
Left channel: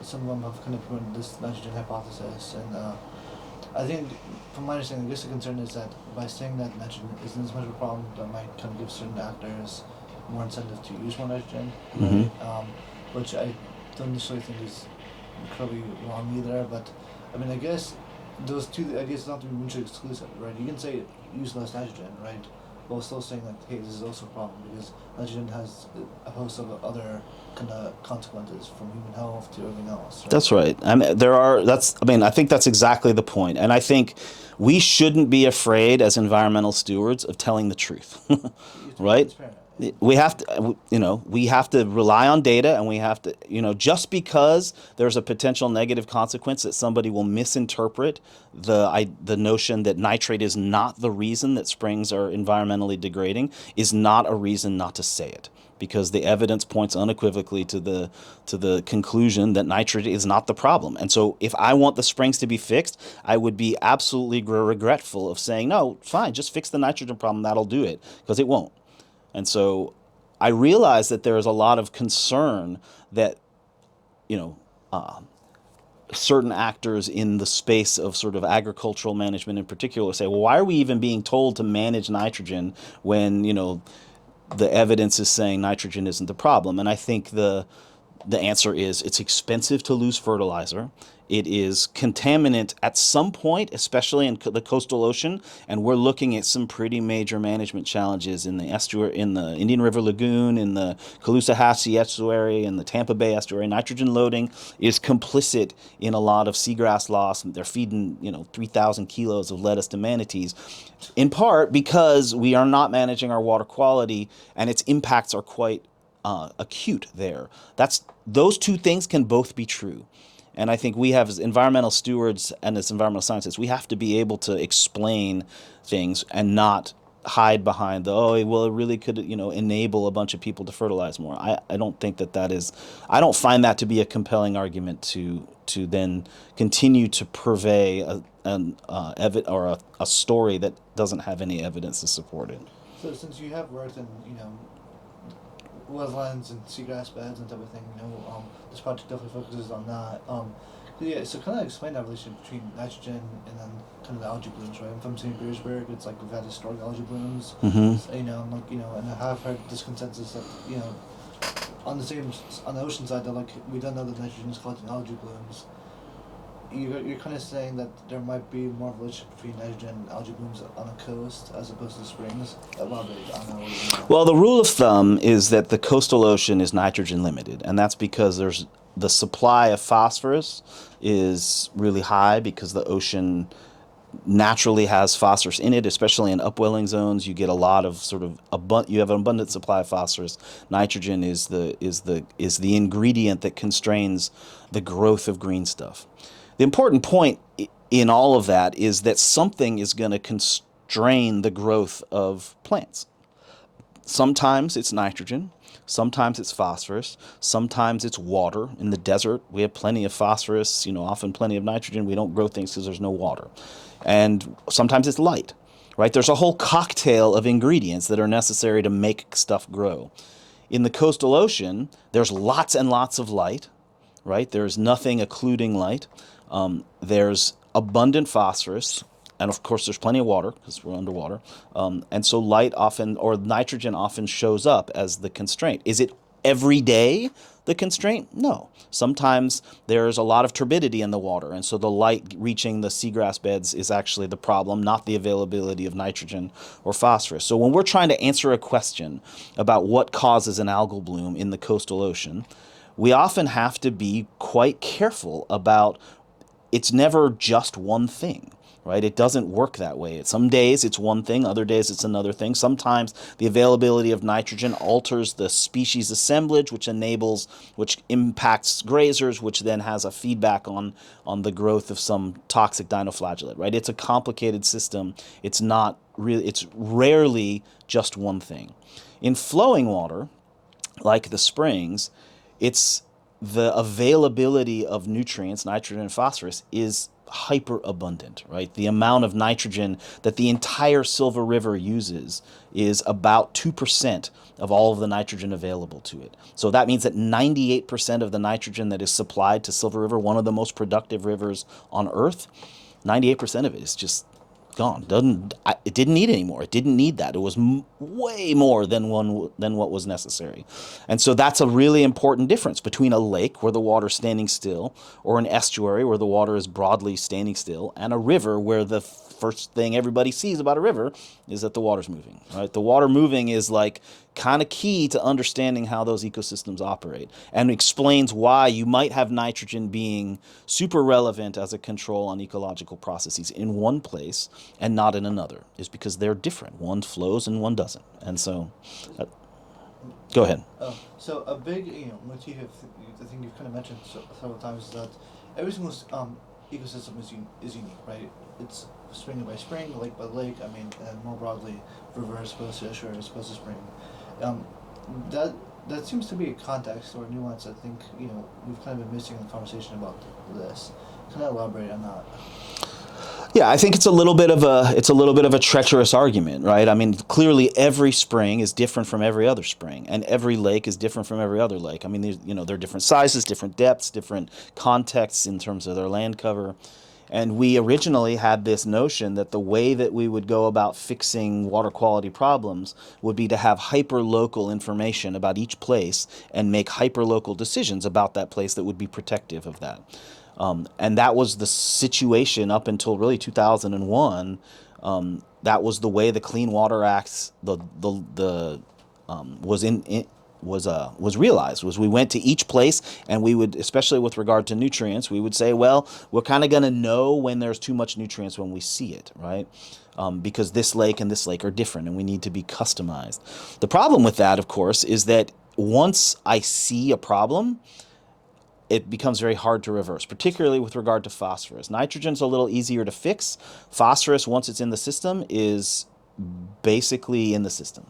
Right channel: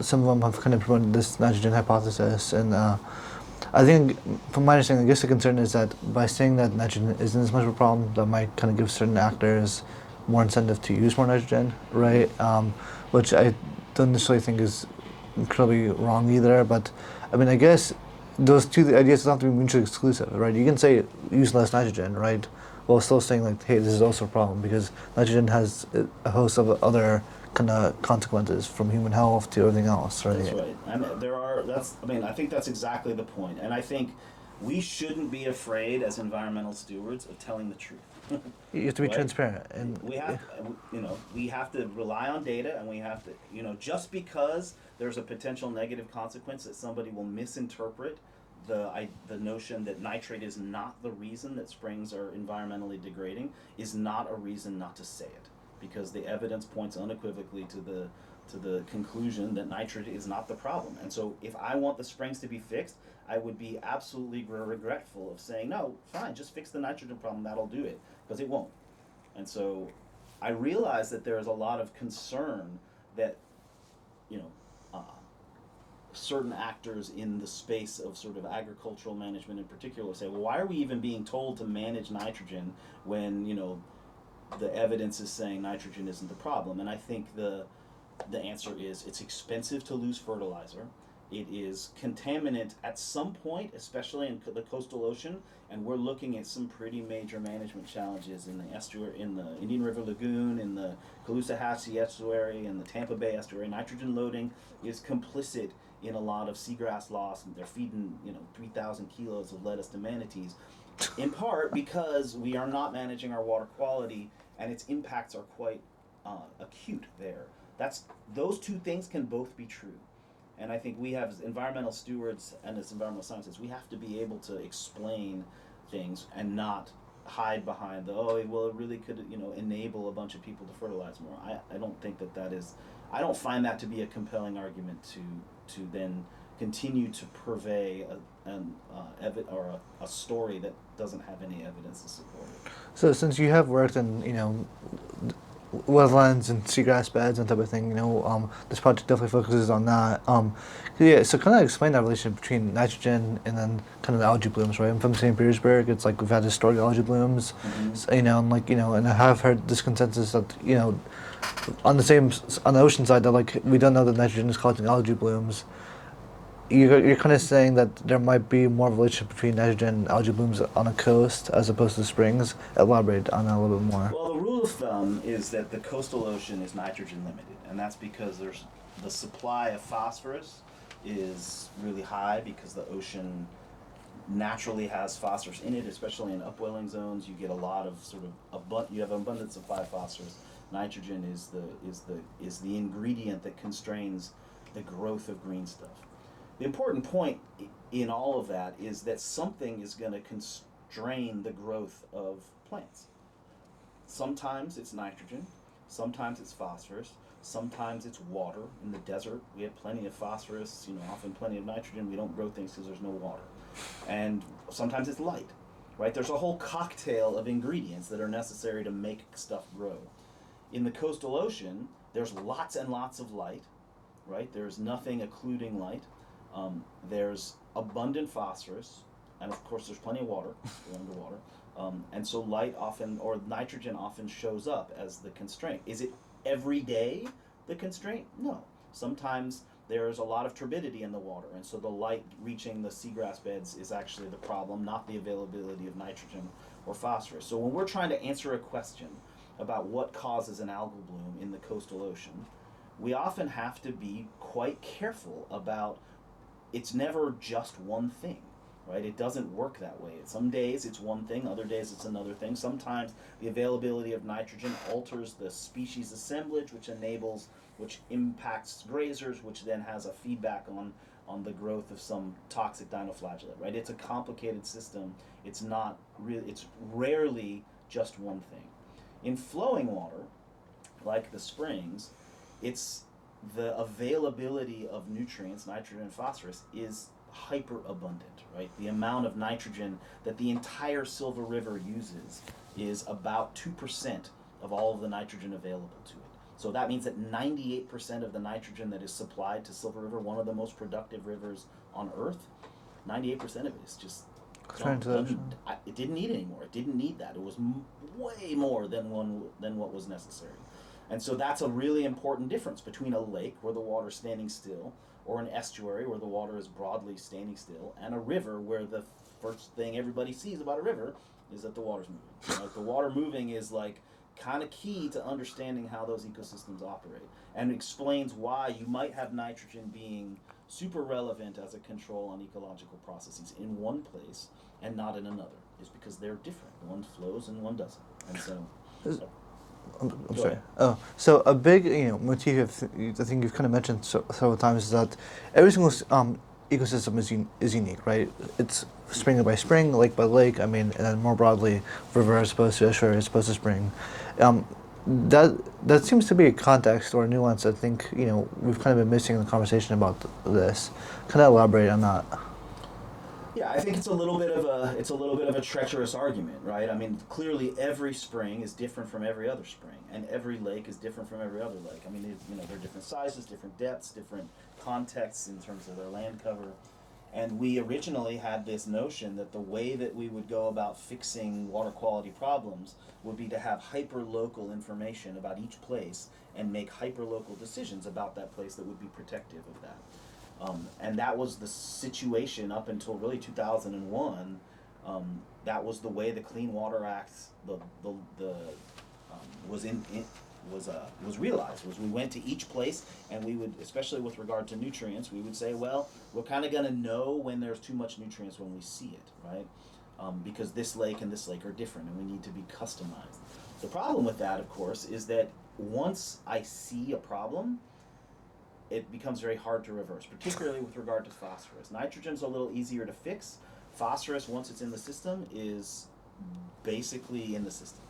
some of them have kind of promoted this nitrogen hypothesis, and I think, from my understanding, I guess the concern is that by saying that nitrogen isn't as much of a problem, that might kind of give certain actors more incentive to use more nitrogen, right? Which I don't necessarily think is incredibly wrong either, but I mean, I guess those two ideas don't have to be mutually exclusive, right? You can say use less nitrogen, right, while still saying like, hey, this is also a problem because nitrogen has a host of other kind of consequences, from human health to everything else. Right? That's right. I think that's exactly the point. And I think we shouldn't be afraid as environmental stewards of telling the truth. You have to be right? transparent. We have to, we have to rely on data, and we have to, just because there's a potential negative consequence that somebody will misinterpret the notion that nitrate is not the reason that springs are environmentally degrading is not a reason not to say it. Because the evidence points unequivocally to the conclusion that nitrate is not the problem. And so if I want the springs to be fixed, I would be absolutely regretful of saying, no, fine, just fix the nitrogen problem, that'll do it, because it won't. And so I realize that there is a lot of concern that, certain actors in the space of sort of agricultural management in particular say, well, why are we even being told to manage nitrogen when, the evidence is saying nitrogen isn't the problem? And I think the answer is it's expensive to lose fertilizer. It is contaminant at some point, especially in the coastal ocean, and we're looking at some pretty major management challenges in the estuary, in the Indian River Lagoon, in the Caloosahatchee estuary, in the Tampa Bay estuary. Nitrogen loading is complicit in a lot of seagrass loss. They're feeding 3,000 kilos of lettuce to manatees, in part because we are not managing our water quality, and its impacts are quite acute there. Those two things can both be true. And I think we have, as environmental stewards and as environmental scientists, we have to be able to explain things and not hide behind it really could, enable a bunch of people to fertilize more. I don't think that is, I don't find that to be a compelling argument to then continue to purvey a story that doesn't have any evidence to support it. So since you have worked in, wetlands and seagrass beds and type of thing, this project definitely focuses on that. So kind of explain that relationship between nitrogen and then kind of the algae blooms, right? I'm from St. Petersburg. It's like we've had historic algae blooms, and I have heard this consensus that, on the ocean side, that like we don't know that nitrogen is causing algae blooms. You're kind of saying that there might be more of a relationship between nitrogen and algae blooms on a coast as opposed to springs. Elaborate on that a little bit more. Well, the rule of thumb is that the coastal ocean is nitrogen limited, and that's because the supply of phosphorus is really high because the ocean naturally has phosphorus in it, especially in upwelling zones. You get a lot of you have an abundant supply of phosphorus. Nitrogen is the ingredient that constrains the growth of green stuff. The important point in all of that is that something is going to constrain the growth of plants. Sometimes it's nitrogen, Sometimes it's phosphorus. Sometimes it's water. In the desert, we have plenty of phosphorus, often plenty of nitrogen. We don't grow things because there's no water. And sometimes it's light, right? There's a whole cocktail of ingredients that are necessary to make stuff grow. In the coastal ocean, there's lots and lots of light, right? There's nothing occluding light. There's abundant phosphorus. And of course, there's plenty of water because we're underwater. And so light often, or nitrogen often shows up as the constraint. Is it every day the constraint? No. Sometimes there's a lot of turbidity in the water, and so the light reaching the seagrass beds is actually the problem, not the availability of nitrogen or phosphorus. So when we're trying to answer a question about what causes an algal bloom in the coastal ocean, we often have to be quite careful about it's never just one thing. Right? It doesn't work that way. Some days it's one thing, other days it's another thing. Sometimes the availability of nitrogen alters the species assemblage, which impacts grazers, which then has a feedback on the growth of some toxic dinoflagellate. Right? It's a complicated system. It's rarely just one thing. In flowing water, like the springs, it's the availability of nutrients, nitrogen and phosphorus, is hyper abundant, right? The amount of nitrogen that the entire Silver River uses is about 2% of all of the nitrogen available to it. So that means that 98% of the nitrogen that is supplied to Silver River, one of the most productive rivers on Earth, 98% of it is just gone. It didn't need anymore. It didn't need that. It was way more than what was necessary. And so that's a really important difference between a lake where the water's standing still, or an estuary where the water is broadly standing still, and a river where the first thing everybody sees about a river is that the water's moving. Right? The water moving is like kind of key to understanding how those ecosystems operate, and explains why you might have nitrogen being super relevant as a control on ecological processes in one place and not in another, is because they're different. One flows and one doesn't. And so go ahead. So a big motif I think you've kind of mentioned several times is that every single ecosystem is unique, right? It's spring by spring, lake by lake. I mean, and then more broadly, river as opposed to estuary as opposed to spring. That seems to be a context or a nuance. I think we've kind of been missing in the conversation about this. Can I elaborate on that? Yeah, I think it's a little bit of a treacherous argument, right? I mean, clearly every spring is different from every other spring, and every lake is different from every other lake. I mean, they're different sizes, different depths, different contexts in terms of their land cover. And we originally had this notion that the way that we would go about fixing water quality problems would be to have hyper-local information about each place and make hyper-local decisions about that place that would be protective of that. And that was the situation up until really 2001. That was the way the Clean Water Act was realized. Was we went to each place and we would, especially with regard to nutrients, we would say, well, we're kind of going to know when there's too much nutrients when we see it, right? Because this lake and this lake are different and we need to be customized. The problem with that, of course, is that once I see a problem, it becomes very hard to reverse, particularly with regard to phosphorus. Nitrogen's a little easier to fix. Phosphorus, once it's in the system, is basically in the system.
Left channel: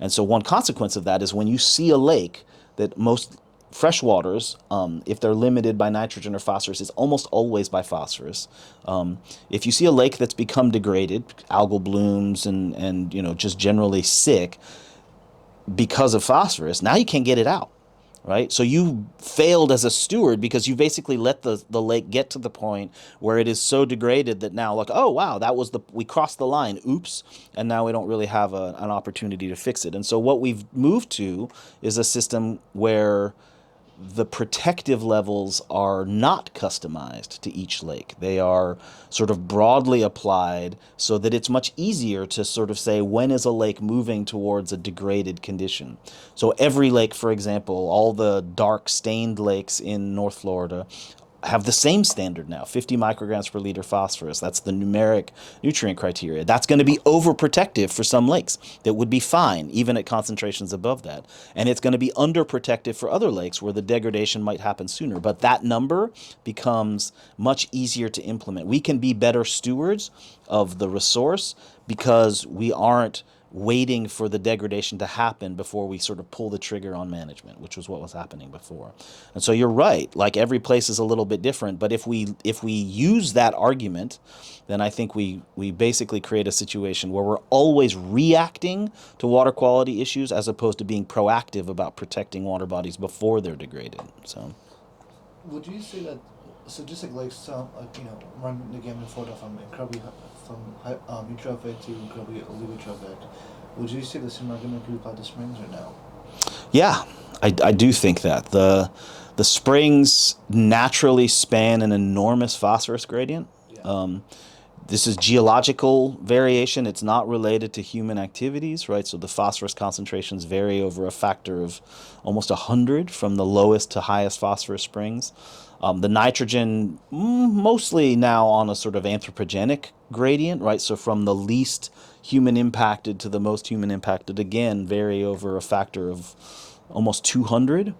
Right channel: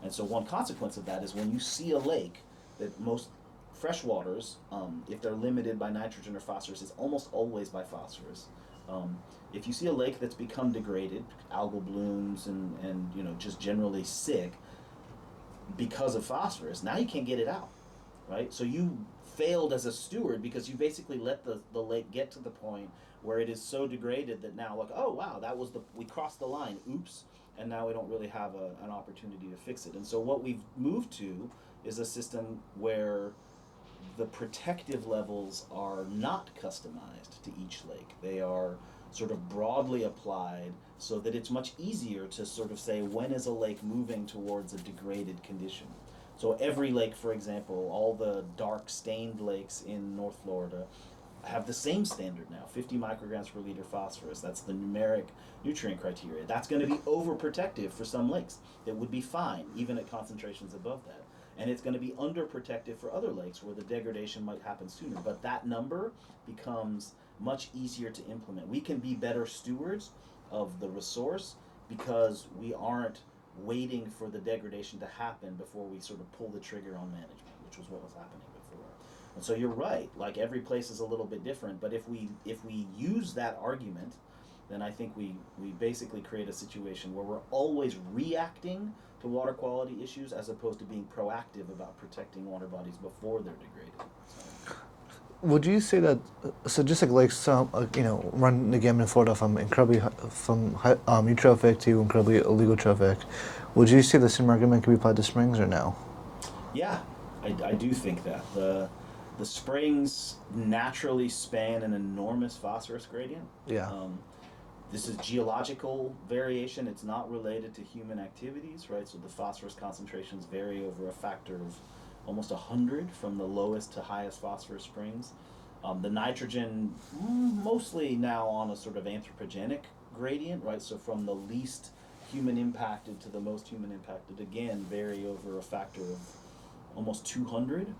And so one consequence of that is when you see a lake, that most freshwaters, if they're limited by nitrogen or phosphorus, is almost always by phosphorus. If you see a lake that's become degraded, algal blooms and just generally sick because of phosphorus, now you can't get it out. Right? So you failed as a steward because you basically let the lake get to the point where it is so degraded that now, like, oh, wow, we crossed the line. Oops. And now we don't really have an opportunity to fix it. And so what we've moved to is a system where the protective levels are not customized to each lake. They are sort of broadly applied so that it's much easier to sort of say when is a lake moving towards a degraded condition. So every lake, for example, all the dark stained lakes in North Florida have the same standard now, 50 micrograms per liter phosphorus. That's the numeric nutrient criteria. That's going to be overprotective for some lakes that would be fine, even at concentrations above that. And it's going to be underprotective for other lakes where the degradation might happen sooner. But that number becomes much easier to implement. We can be better stewards of the resource because we aren't waiting for the degradation to happen before we sort of pull the trigger on management, which was what was happening before. And so you're right, like every place is a little bit different, but if we use that argument, then I think we basically create a situation where we're always reacting to water quality issues as opposed to being proactive about protecting water bodies before they're degraded. So Would you say that, so just like some, run the gamut in Florida from incredibly eutrophic to incredibly oligotrophic, would you say the same argument can be applied to springs or no? yeah, I do think that the springs naturally span an enormous phosphorus gradient. Yeah. This is geological variation. It's not related to human activities, right? So the phosphorus concentrations vary over a factor of almost 100 from the lowest to highest phosphorus springs. The nitrogen, mostly now on a sort of anthropogenic gradient, right? So from the least human impacted to the most human impacted, again, vary over a factor of almost 200.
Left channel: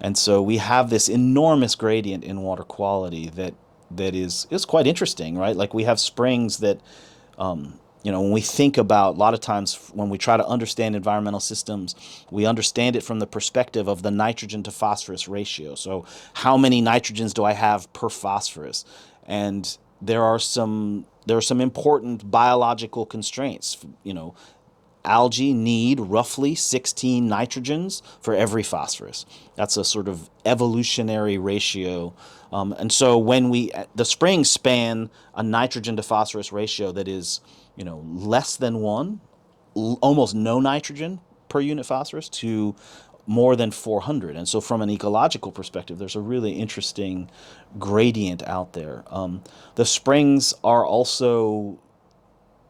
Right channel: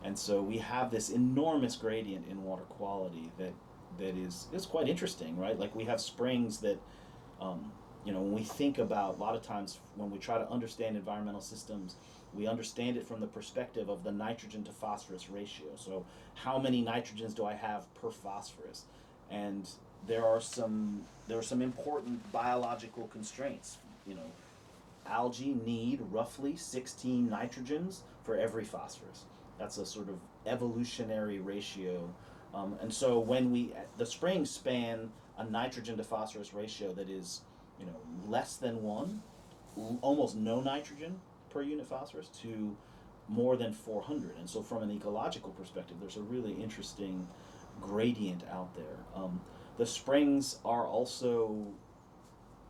And so we have this enormous gradient in water quality that is quite interesting, right? Like we have springs that, when we think about, a lot of times when we try to understand environmental systems, we understand it from the perspective of the nitrogen to phosphorus ratio. So how many nitrogens do I have per phosphorus? And there are some important biological constraints. Algae need roughly 16 nitrogens for every phosphorus. That's a sort of evolutionary ratio. And so when the springs span a nitrogen to phosphorus ratio that is, less than 1, almost no nitrogen per unit phosphorus, to more than 400. And so from an ecological perspective, there's a really interesting gradient out there. The springs are also,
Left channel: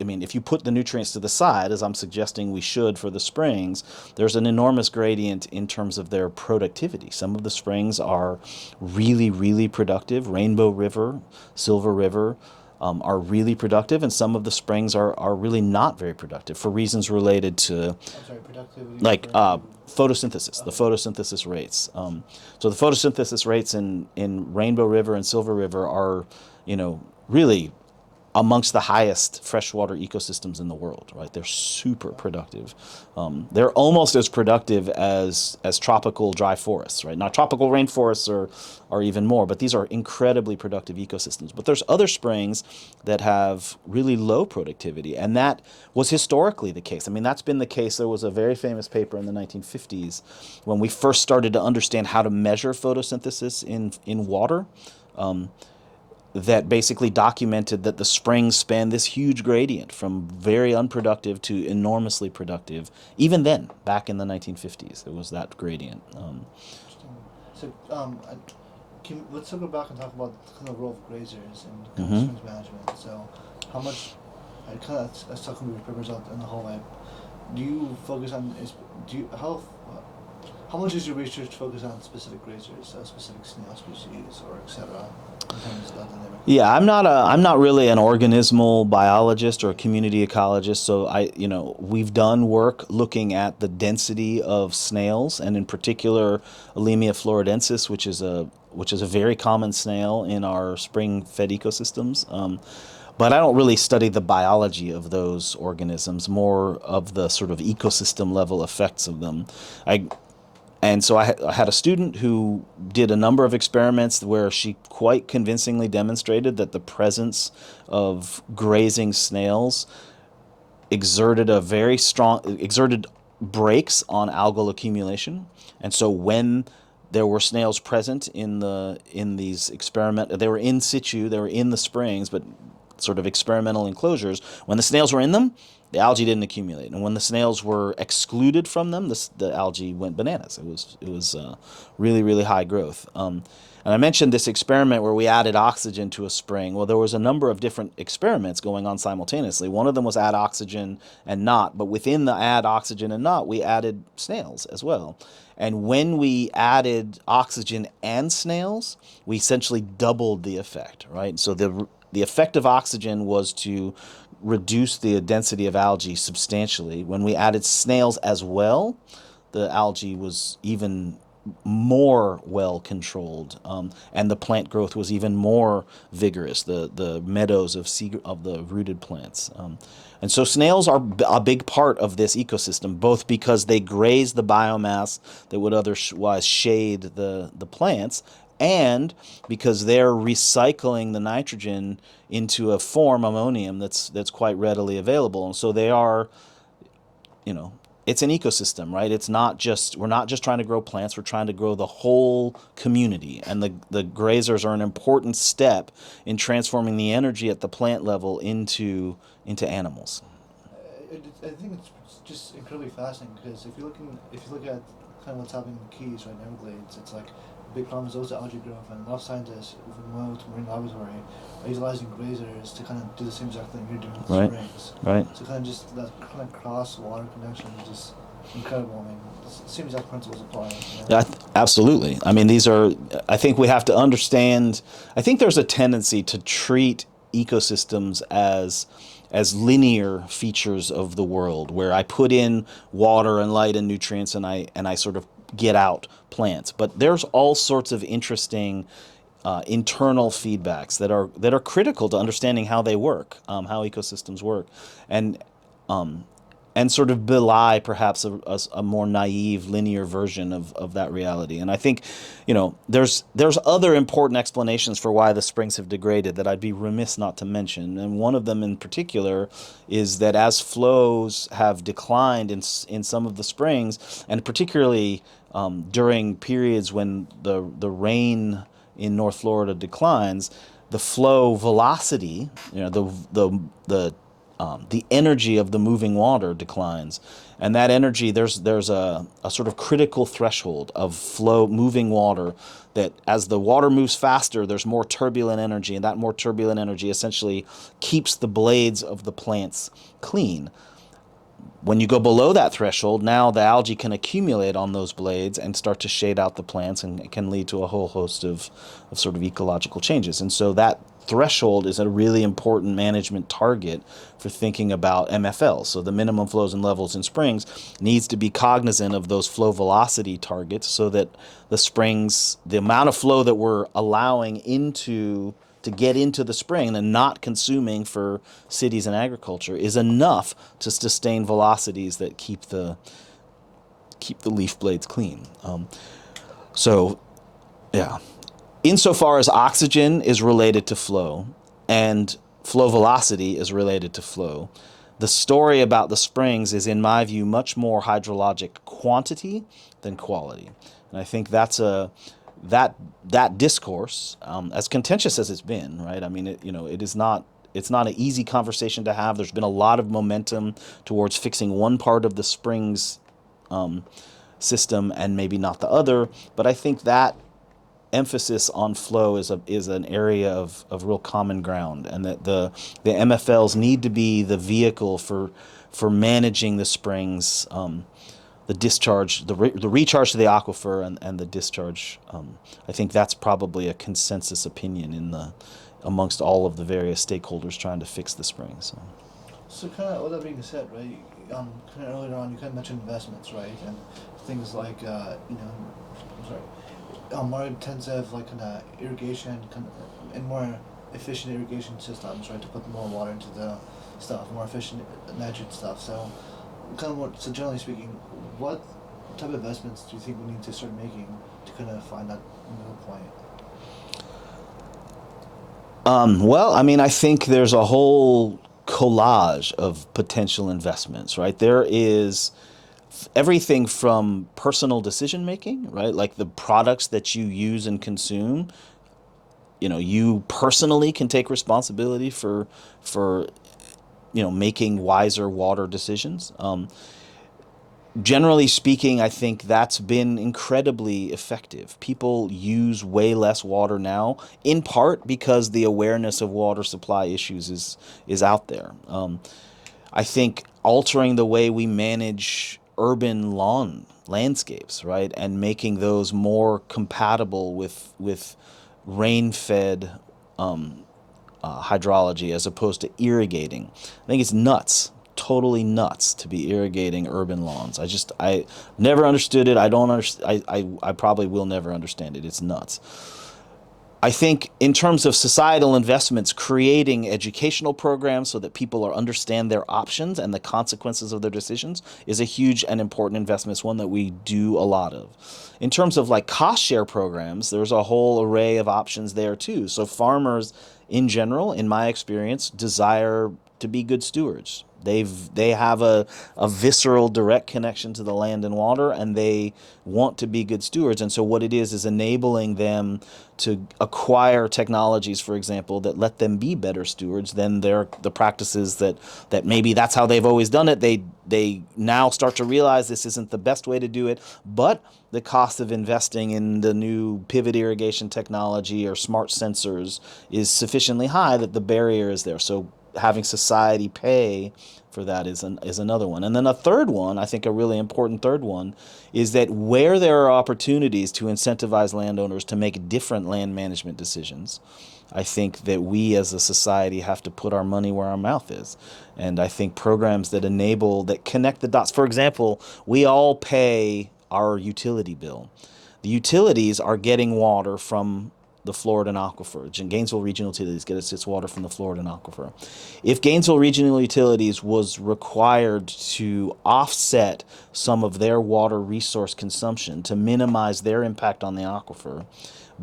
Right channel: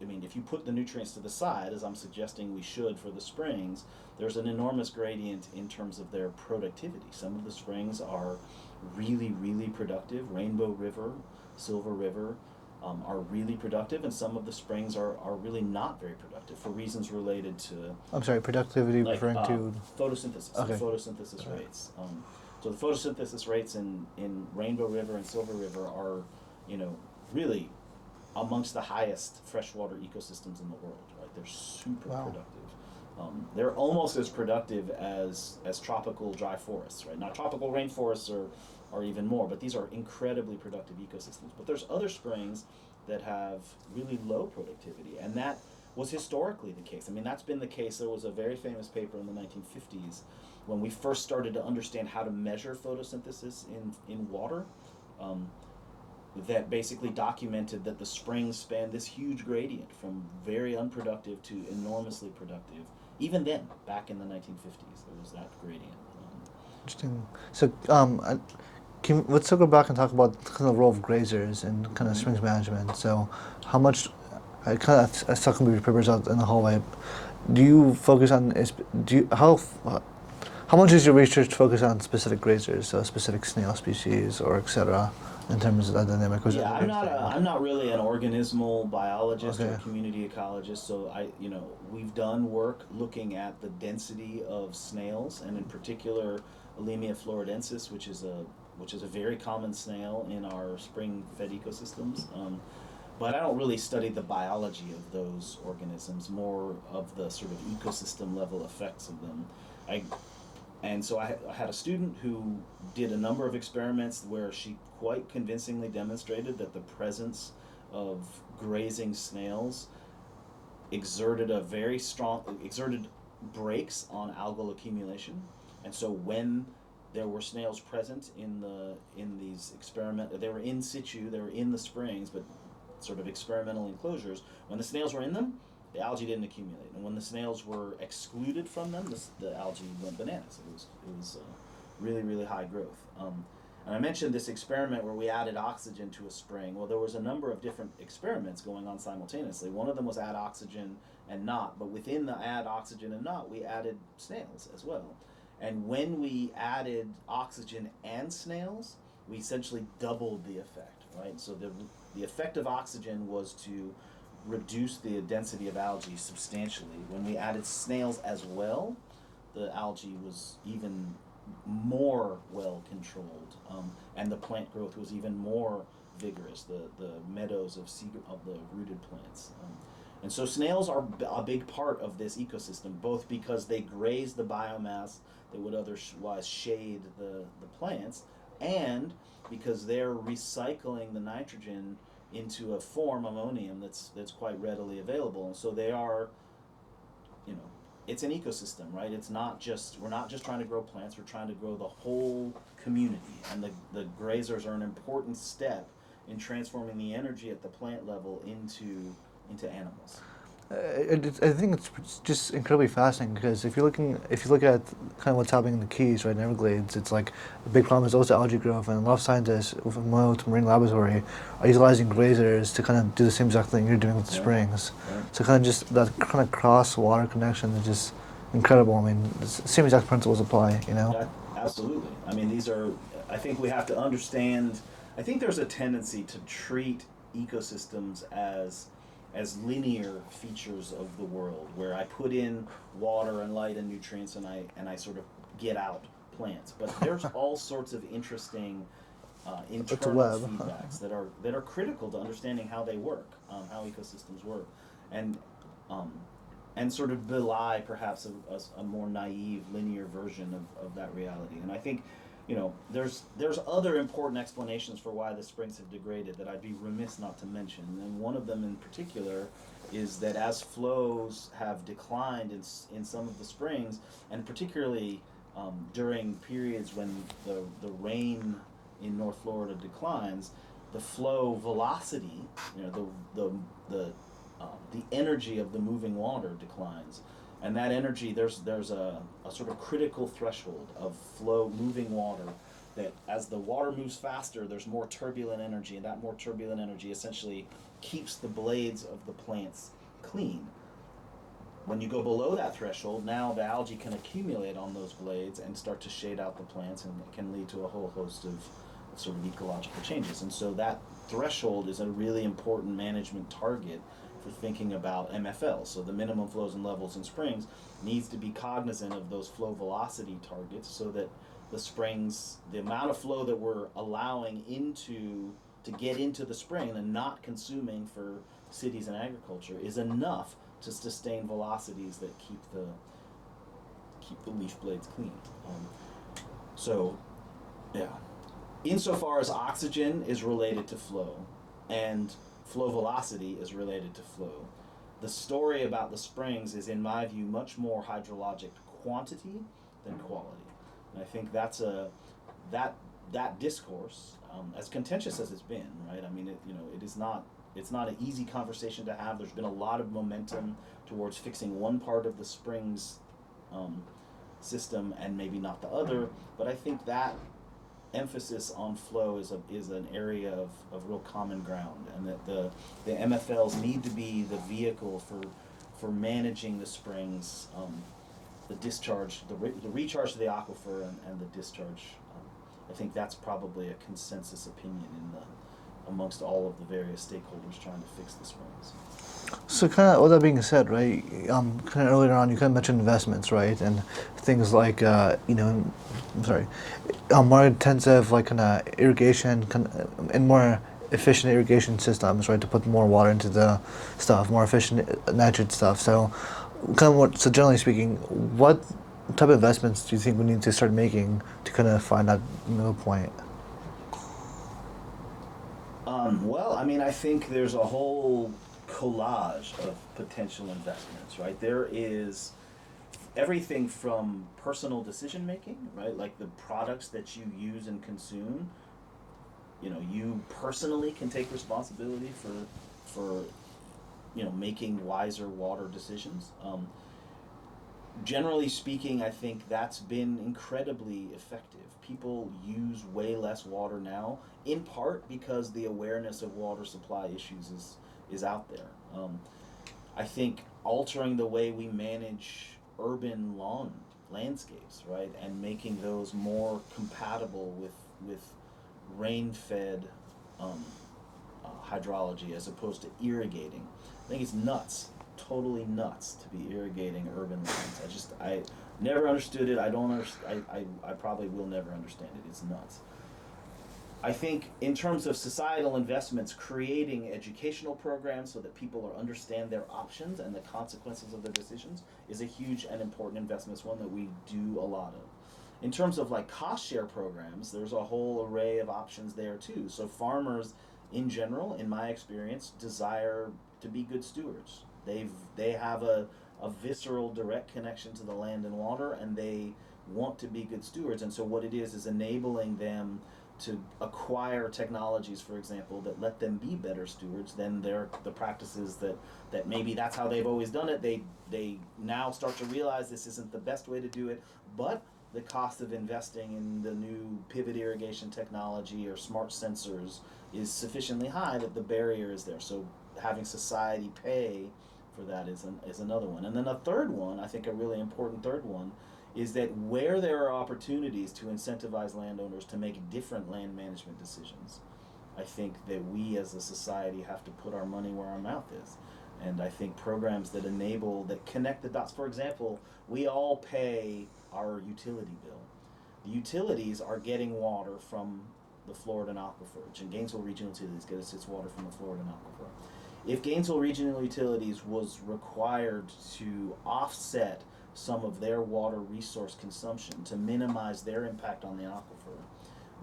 if you put the nutrients to the side, as I'm suggesting we should for the springs, there's an enormous gradient in terms of their productivity. Some of the springs are really, really productive. Rainbow River, Silver River are really productive, and some of the springs are really not very productive for reasons related to, I'm sorry, productivity like referring to... photosynthesis, Okay. the photosynthesis rates. So the photosynthesis rates in Rainbow River and Silver River are, really amongst the highest freshwater ecosystems in the world, right? They're super productive. They're almost as productive as tropical dry forests, right? Now, tropical rainforests are even more, but these are incredibly productive ecosystems. But there's other springs that have really low productivity, and that was historically the case. That's been the case. There was a very famous paper in the 1950s when we first started to understand how to measure photosynthesis in water. That basically documented that the springs span this huge gradient from very unproductive to enormously productive. Even then, back in the 1950s, there was that gradient. Interesting. So, let's go back and talk about kind of the role of grazers and kind of springs management. So, how much, I was talking with your papers out in the hallway. Do you focus on, how much is your research focused on specific grazers, so specific snail species or et cetera, in terms of that dynamic? Yeah, I'm not really an organismal biologist or a Okay. community ecologist. So we've done work looking at the density of snails, and in particular, Alemia floridensis, which is a very common snail in our spring-fed ecosystems. But I don't really study the biology of those organisms, more of the sort of ecosystem level effects of them. And so I had a student who did a number of experiments where she quite convincingly demonstrated that the presence of grazing snails exerted brakes on algal accumulation. And so when there were snails present in these they were in situ, they were in the springs, but sort of experimental enclosures. When the snails were in them, the algae didn't accumulate, and when the snails were excluded from them, the algae went bananas. It was really, really high growth. And I mentioned this experiment where we added oxygen to a spring. Well, there was a number of different experiments going on simultaneously. One of them was add oxygen and not, but within the add oxygen and not, we added snails as well. And when we added oxygen and snails, we essentially doubled the effect, right? So the effect of oxygen was to reduce the density of algae substantially. When we added snails as well, the algae was even more well controlled, and the plant growth was even more vigorous. The meadows of the rooted plants, and so snails are a big part of this ecosystem, both because they graze the biomass that would otherwise shade the plants, and because they're recycling the nitrogen into a form, ammonium, that's quite readily available. And so they are, you know, it's an ecosystem, right? It's not just, we're not just trying to grow plants, we're trying to grow the whole community. And the grazers are an important step in transforming the energy at the plant level into animals. I think it's just incredibly fascinating because if you look at kind of what's happening in the Keys, right, in Everglades, it's like a big problem is also algae growth, and a lot of scientists from Moat Marine Laboratory are utilizing grazers to kind of do the same exact thing you're doing with the Right. springs. Right. So kind of just that kind of cross water connection is just incredible. I mean, the same exact principles apply, you know. Yeah, absolutely. I mean, these are, I think we have to understand, I think there's a tendency to treat ecosystems as linear features of the world, where I put in water and light and nutrients, and I sort of get out plants. But there's all sorts of interesting internal feedbacks that are critical to understanding how they work, how ecosystems work, and and sort of belie perhaps a more naive linear version of that reality. And I think, you know, there's other important explanations for why the springs have degraded that I'd be remiss not to mention. And one of them in particular is that as flows have declined in some of the springs, and particularly during periods when the rain in North Florida declines, the flow velocity, you know, the energy of the moving water declines, and that energy, there's a sort of critical threshold of flow moving water, that as the water moves faster, there's more turbulent energy, and that more turbulent energy essentially keeps the blades of the plants clean. When you go below that threshold, now the algae can accumulate on those blades and start to shade out the plants, and it can lead to a whole host of sort of ecological changes. And so that threshold is a really important management target for thinking about MFL. So the minimum flows and levels in springs needs to be cognizant of those flow velocity targets, so that the springs, the amount of flow that we're allowing to get into the spring and not consuming for cities and agriculture, is enough to sustain velocities that keep the leaf blades clean. So, yeah. Insofar as oxygen is related to flow and flow velocity is related to flow, the story about the springs is, in my view, much more hydrologic quantity than quality. And I think that's that discourse, as contentious as it's been, right? I mean, it's not an easy conversation to have. There's been a lot of momentum towards fixing one part of the springs system and maybe not the other. But I think that emphasis on flow is an area of real common ground, and that the MFLs need to be the vehicle for managing the springs, the discharge, the recharge to the aquifer, and the discharge. I think that's probably a consensus opinion amongst all of the various stakeholders trying to fix the springs. So kind of, with that being said, right, kind of earlier on, you kind of mentioned investments, right, and things like, more intensive, like, kind of irrigation, and more efficient irrigation systems, right, to put more water into the stuff, more efficient nitrogen stuff. So, so generally speaking, what type of investments do you think we need to start making to kind of find that middle point? Well, I mean, I think there's a whole collage of potential investments, right? There is everything from personal decision making, right? Like the products that you use and consume. You know, you personally can take responsibility for making wiser water decisions. Generally speaking, I think that's been incredibly effective. People use way less water now, in part because the awareness of water supply issues is out there. I think altering the way we manage urban landscapes, right, and making those more compatible with rain-fed hydrology as opposed to irrigating, I think it's nuts totally nuts to be irrigating urban lawns. I never understood it. I don't understand. I probably will never understand it. It's nuts. I think in terms of societal investments, creating educational programs so that people understand their options and the consequences of their decisions is a huge and important investment. It's one that we do a lot of. In terms of like cost share programs, there's a whole array of options there too. So farmers in general, in my experience, desire to be good stewards. They have a visceral direct connection to the land and water, and they want to be good stewards. And so what it is enabling them to acquire technologies, for example, that let them be better stewards than the practices that maybe that's how they've always done it. They now start to realize this isn't the best way to do it, but the cost of investing in the new pivot irrigation technology or smart sensors is sufficiently high that the barrier is there. So having society pay for that is another one. And then a third one, I think a really important third one, is that where there are opportunities to incentivize landowners to make different land management decisions, I think that we as a society have to put our money where our mouth is. And I think programs that connect the dots. For example, we all pay our utility bill. The utilities are getting water from the Floridan aquifer. Gainesville Regional Utilities gets its water from the Floridan aquifer. If Gainesville Regional Utilities was required to offset some of their water resource consumption to minimize their impact on the aquifer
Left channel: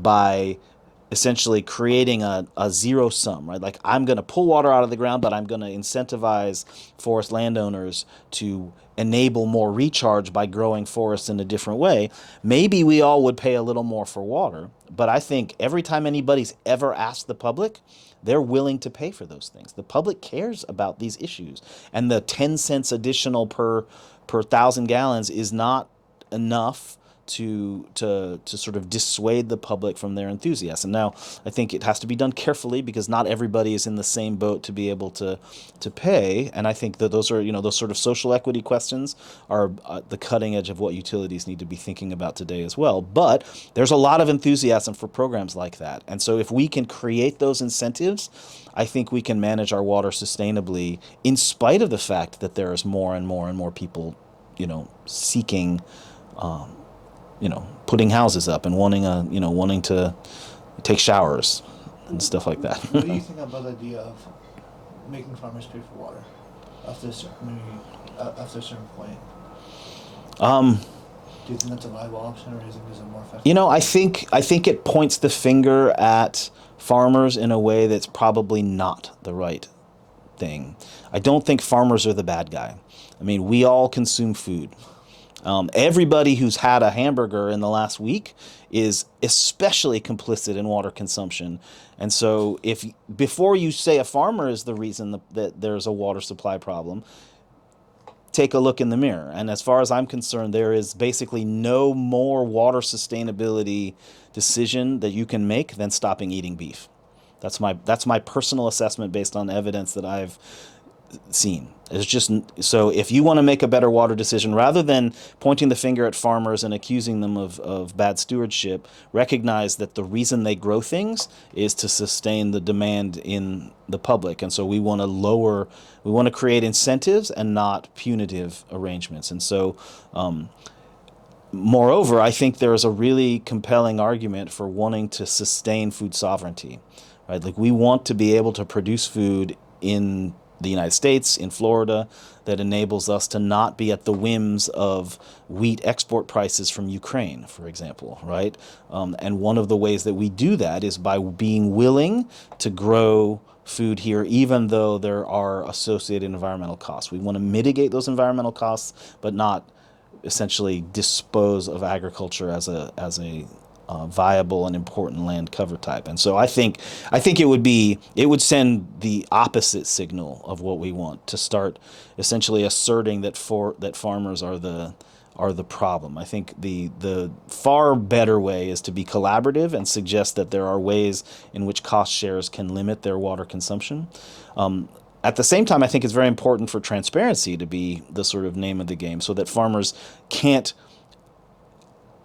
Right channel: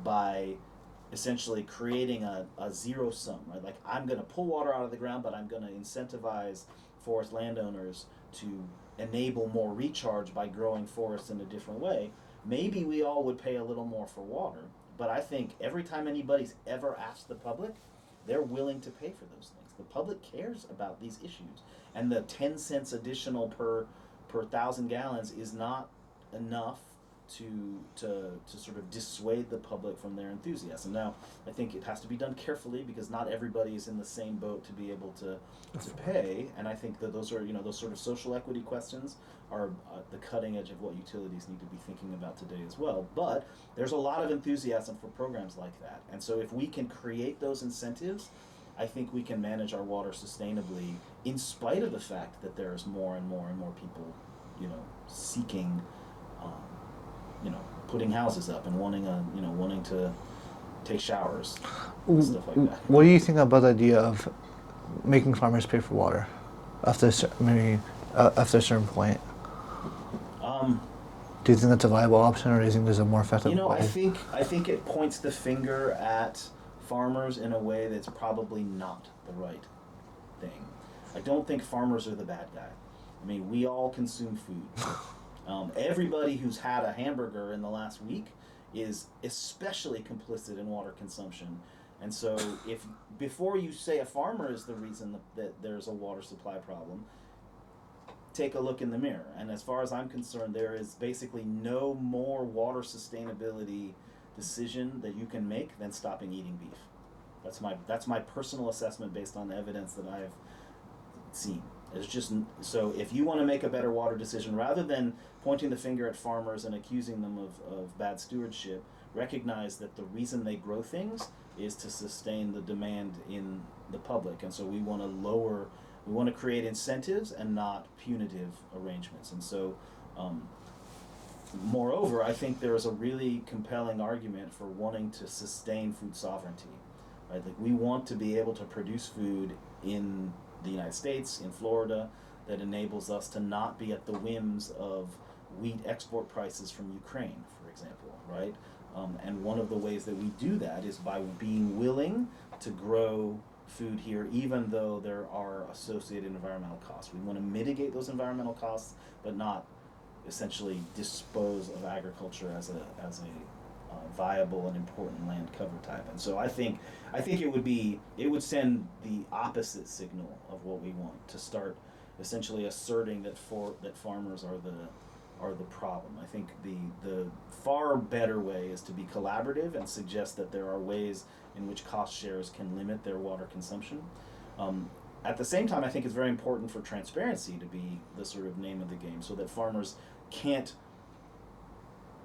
by essentially creating a zero sum, right? Like, I'm going to pull water out of the ground, but I'm going to incentivize forest landowners to enable more recharge by growing forests in a different way, maybe we all would pay a little more for water. But I think every time anybody's ever asked the public, they're willing to pay for those things. The public cares about these issues. And the 10 cents additional per 1,000 gallons is not enough to sort of dissuade the public from their enthusiasm. Now, I think it has to be done carefully because not everybody is in the same boat to be able to pay. And I think that those are, those sort of social equity questions are the cutting edge of what utilities need to be thinking about today as well. But there's a lot of enthusiasm for programs like that. And so if we can create those incentives, I think we can manage our water sustainably in spite of the fact that there is more and more and more people, seeking putting houses up and wanting to take showers and stuff like that. What do you think about the idea of making farmers pay for water after after a certain point? Do you think that's a viable option, or do you think there's a more effective? I think it points the finger at farmers in a way that's probably not the right thing. I don't think farmers are the bad guy. I mean, we all consume food. Everybody who's had a hamburger in the last week is especially complicit in water consumption. And so before you say a farmer is the reason that there's a water supply problem, take a look in the mirror. And as far as I'm concerned, there is basically no more water sustainability decision that you can make than stopping eating beef. That's my personal assessment based on evidence that I've seen. It's just, so if you want to make a better water decision, rather than pointing the finger at farmers and accusing them of bad stewardship, recognize that the reason they grow things is to sustain the demand in the public. And so we want to create incentives and not punitive arrangements. And so, moreover, I think there is a really compelling argument for wanting to sustain food sovereignty, right? Like, we want to be able to produce food in the United States, in Florida, that enables us to not be at the whims of wheat export prices from Ukraine, for example, right? And one of the ways that we do that is by being willing to grow food here, even though there are associated environmental costs. We want to mitigate those environmental costs, but not essentially dispose of agriculture as a viable and important land cover type. And so I think it would send the opposite signal of what we want, to start essentially asserting that farmers are the problem. I think the far better way is to be collaborative and suggest that there are ways in which cost shares can limit their water consumption. At the same time, I think it's very important for transparency to be the sort of name of the game, so that farmers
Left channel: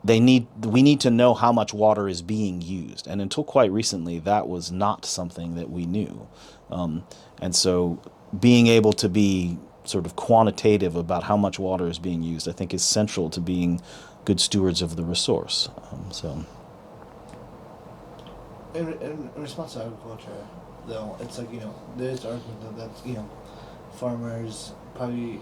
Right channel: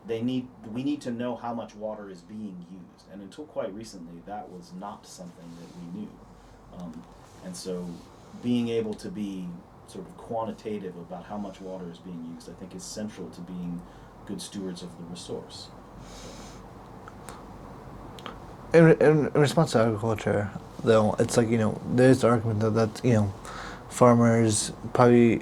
we need to know how much water is being used. And until quite recently, that was not something that we knew. And so being able to be sort of quantitative about how much water is being used, I think is central to being good stewards of the resource. In response to agriculture, though, it's like, there's the argument that farmers probably,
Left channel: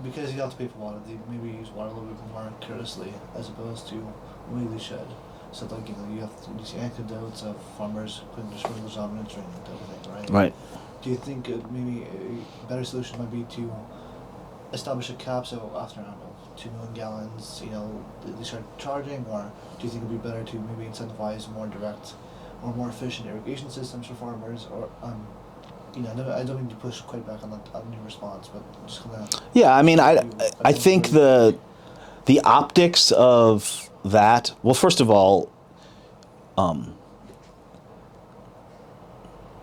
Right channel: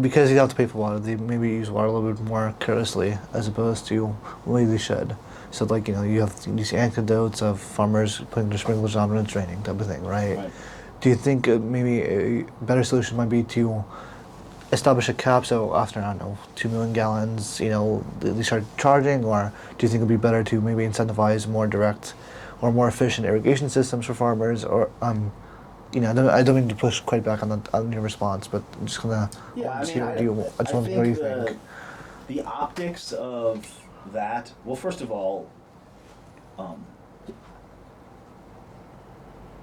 because you have to pay for water, they maybe use water a little bit more carelessly as opposed to the way they should. So, like, you have these anecdotes of farmers putting their sprinklers on when it's raining, type of thing, right? Right. Do you think maybe a better solution might be to establish a cap, so after, I don't know, 2 million gallons, they start charging, or do you think it would be better to maybe incentivize more direct or more efficient irrigation systems for farmers, or I don't mean to push quite back on your response, but I'm just gonna. Yeah, I mean, I think the optics of that. Well, first of all,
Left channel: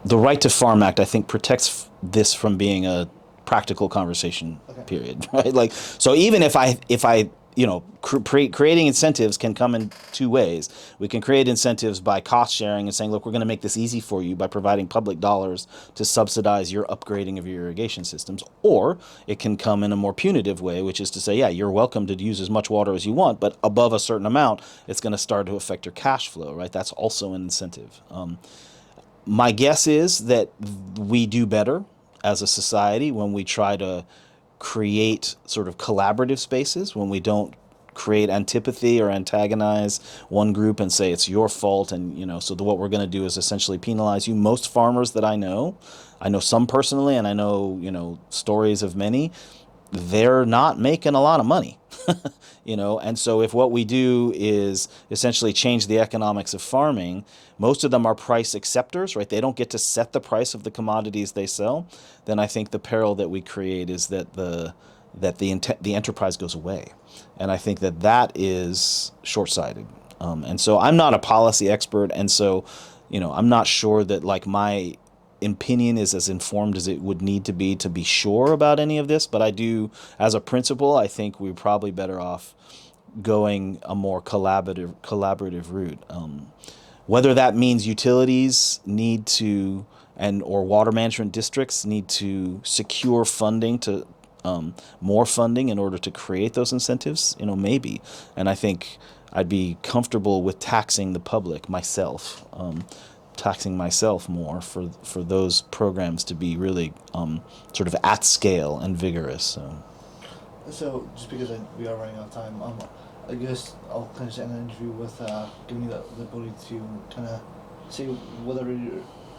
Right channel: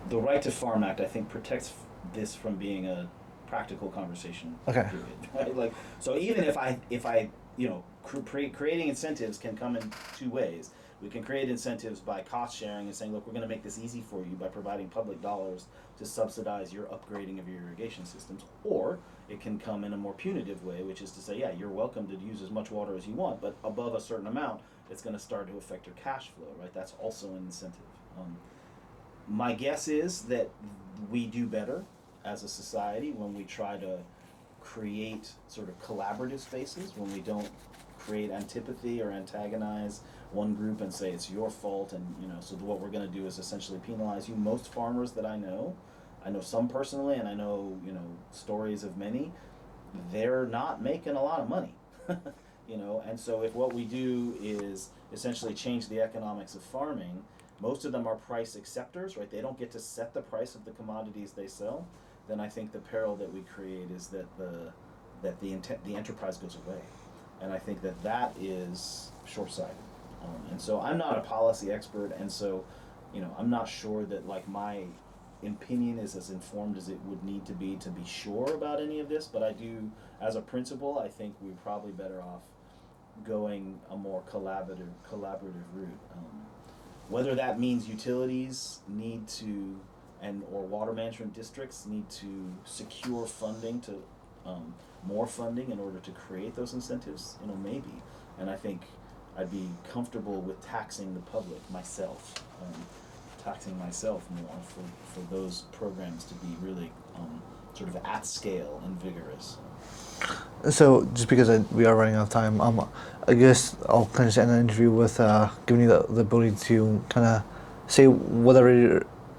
the Right to Farm Act, I think, protects this from being a practical conversation. Okay. Period. Right. Like, so even if I creating incentives can come in two ways. We can create incentives by cost sharing and saying, look, we're going to make this easy for you by providing public dollars to subsidize your upgrading of your irrigation systems. Or it can come in a more punitive way, which is to say, yeah, you're welcome to use as much water as you want, but above a certain amount, it's going to start to affect your cash flow, right? That's also an incentive. My guess is that we do better as a society when we try to create sort of collaborative spaces, when we don't create antipathy or antagonize one group and say it's your fault, and so what we're going to do is essentially penalize you. Most farmers that I know some personally, and I know stories of many, they're not making a lot of money. And so if what we do is essentially change the economics of farming, most of them are price acceptors, right? They don't get to set the price of the commodities they sell. Then I think the peril that we create is that the enterprise goes away, and I think that is short-sighted. And so I'm not a policy expert, and so I'm not sure that like my opinion is as informed as it would need to be sure about any of this. But I do, as a principle, I think we're probably better off going a more collaborative route. Whether that means utilities need to or water management districts need to secure funding to more funding in order to create those incentives, maybe. And I think I'd be comfortable with taxing the public myself. Taxing myself more for those programs to be really sort of at scale and vigorous. So just because we are running out of time, I guess I'll kind of end the interview with giving you the ability to kind of say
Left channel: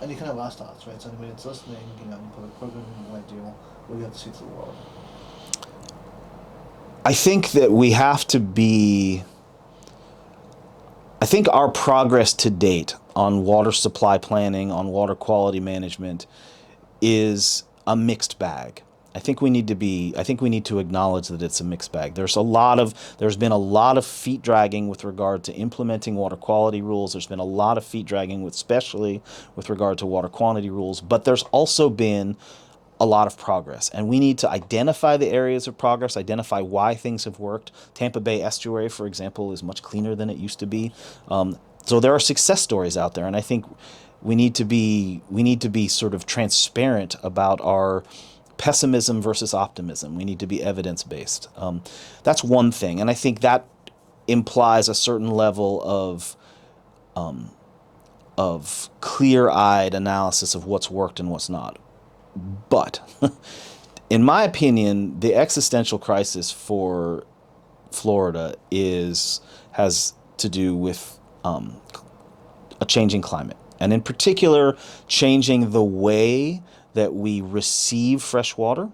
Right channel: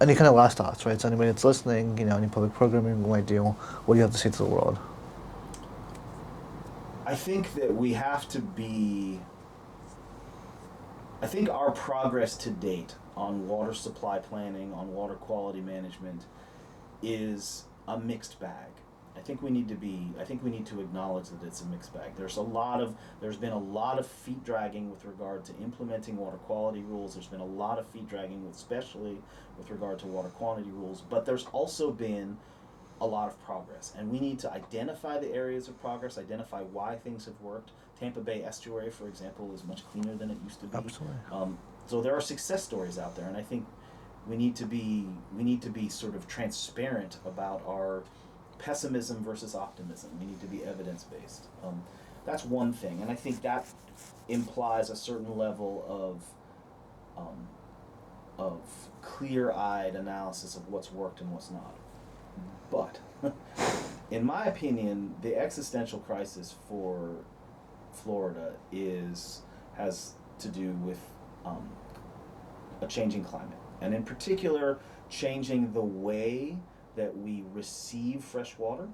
any kind of last thoughts, right? So anybody that's listening, any public programming you might do, what do you have to say to the world? I think that we have to be. I think our progress to date on water supply planning, on water quality management, is a mixed bag. I think we need to acknowledge that it's a mixed bag. There's been a lot of feet dragging with regard to implementing water quality rules. There's been a lot of feet dragging especially with regard to water quantity rules, but there's also been a lot of progress, and we need to identify the areas of progress, identify why things have worked. Tampa Bay Estuary, for example, is much cleaner than it used to be. So there are success stories out there, and I think we need to be sort of transparent about our pessimism versus optimism. We need to be evidence-based. That's one thing, and I think that implies a certain level of clear-eyed analysis of what's worked and what's not. But in my opinion, the existential crisis for Florida has to do with a changing climate, and in particular, changing the way that we receive fresh water,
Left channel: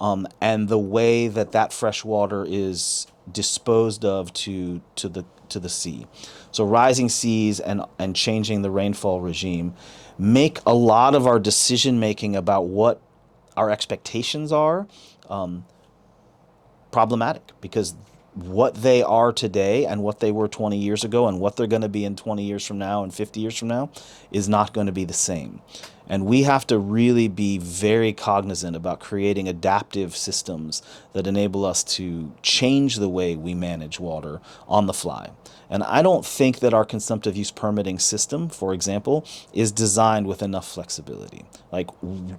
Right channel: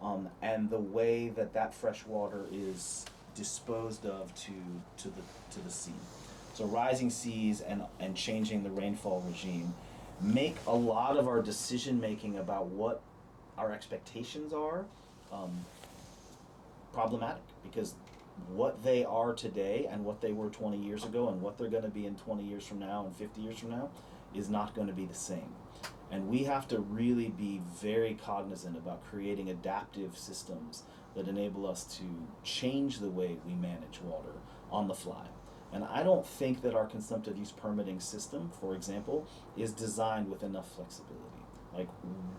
and the way that fresh water is disposed of to the sea. So rising seas and changing the rainfall regime make a lot of our decision making about what our expectations are problematic, because what they are today and what they were 20 years ago and what they're going to be in 20 years from now and 50 years from now is not going to be the same. And we have to really be very cognizant about creating adaptive systems that enable us to change the way we manage water on the fly. And I don't think that our consumptive use permitting system, for example, is designed with enough flexibility. Like,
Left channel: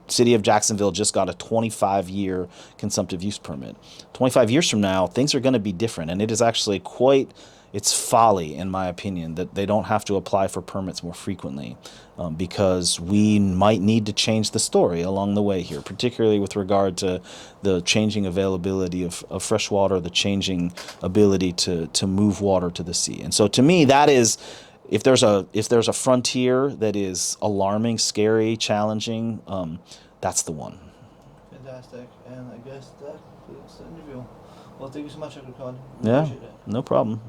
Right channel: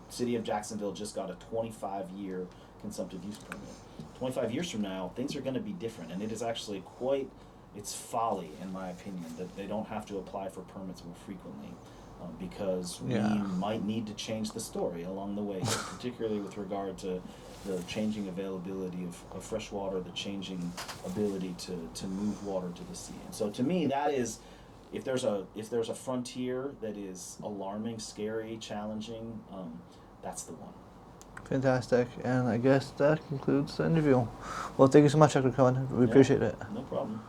City of Jacksonville just got a 25-year consumptive use permit. 25 years from now, things are going to be different, and it is actually it's folly, in my opinion, that they don't have to apply for permits more frequently, because we might need to change the story along the way here, particularly with regard to the changing availability of fresh water, the changing ability to move water to the sea. And so to me, that is, if there's a frontier that is alarming, scary, challenging, that's the one. Fantastic. And I guess that concludes the interview. Well, thank you so much, Dr. Cohen. We Yeah, appreciate it. no problem.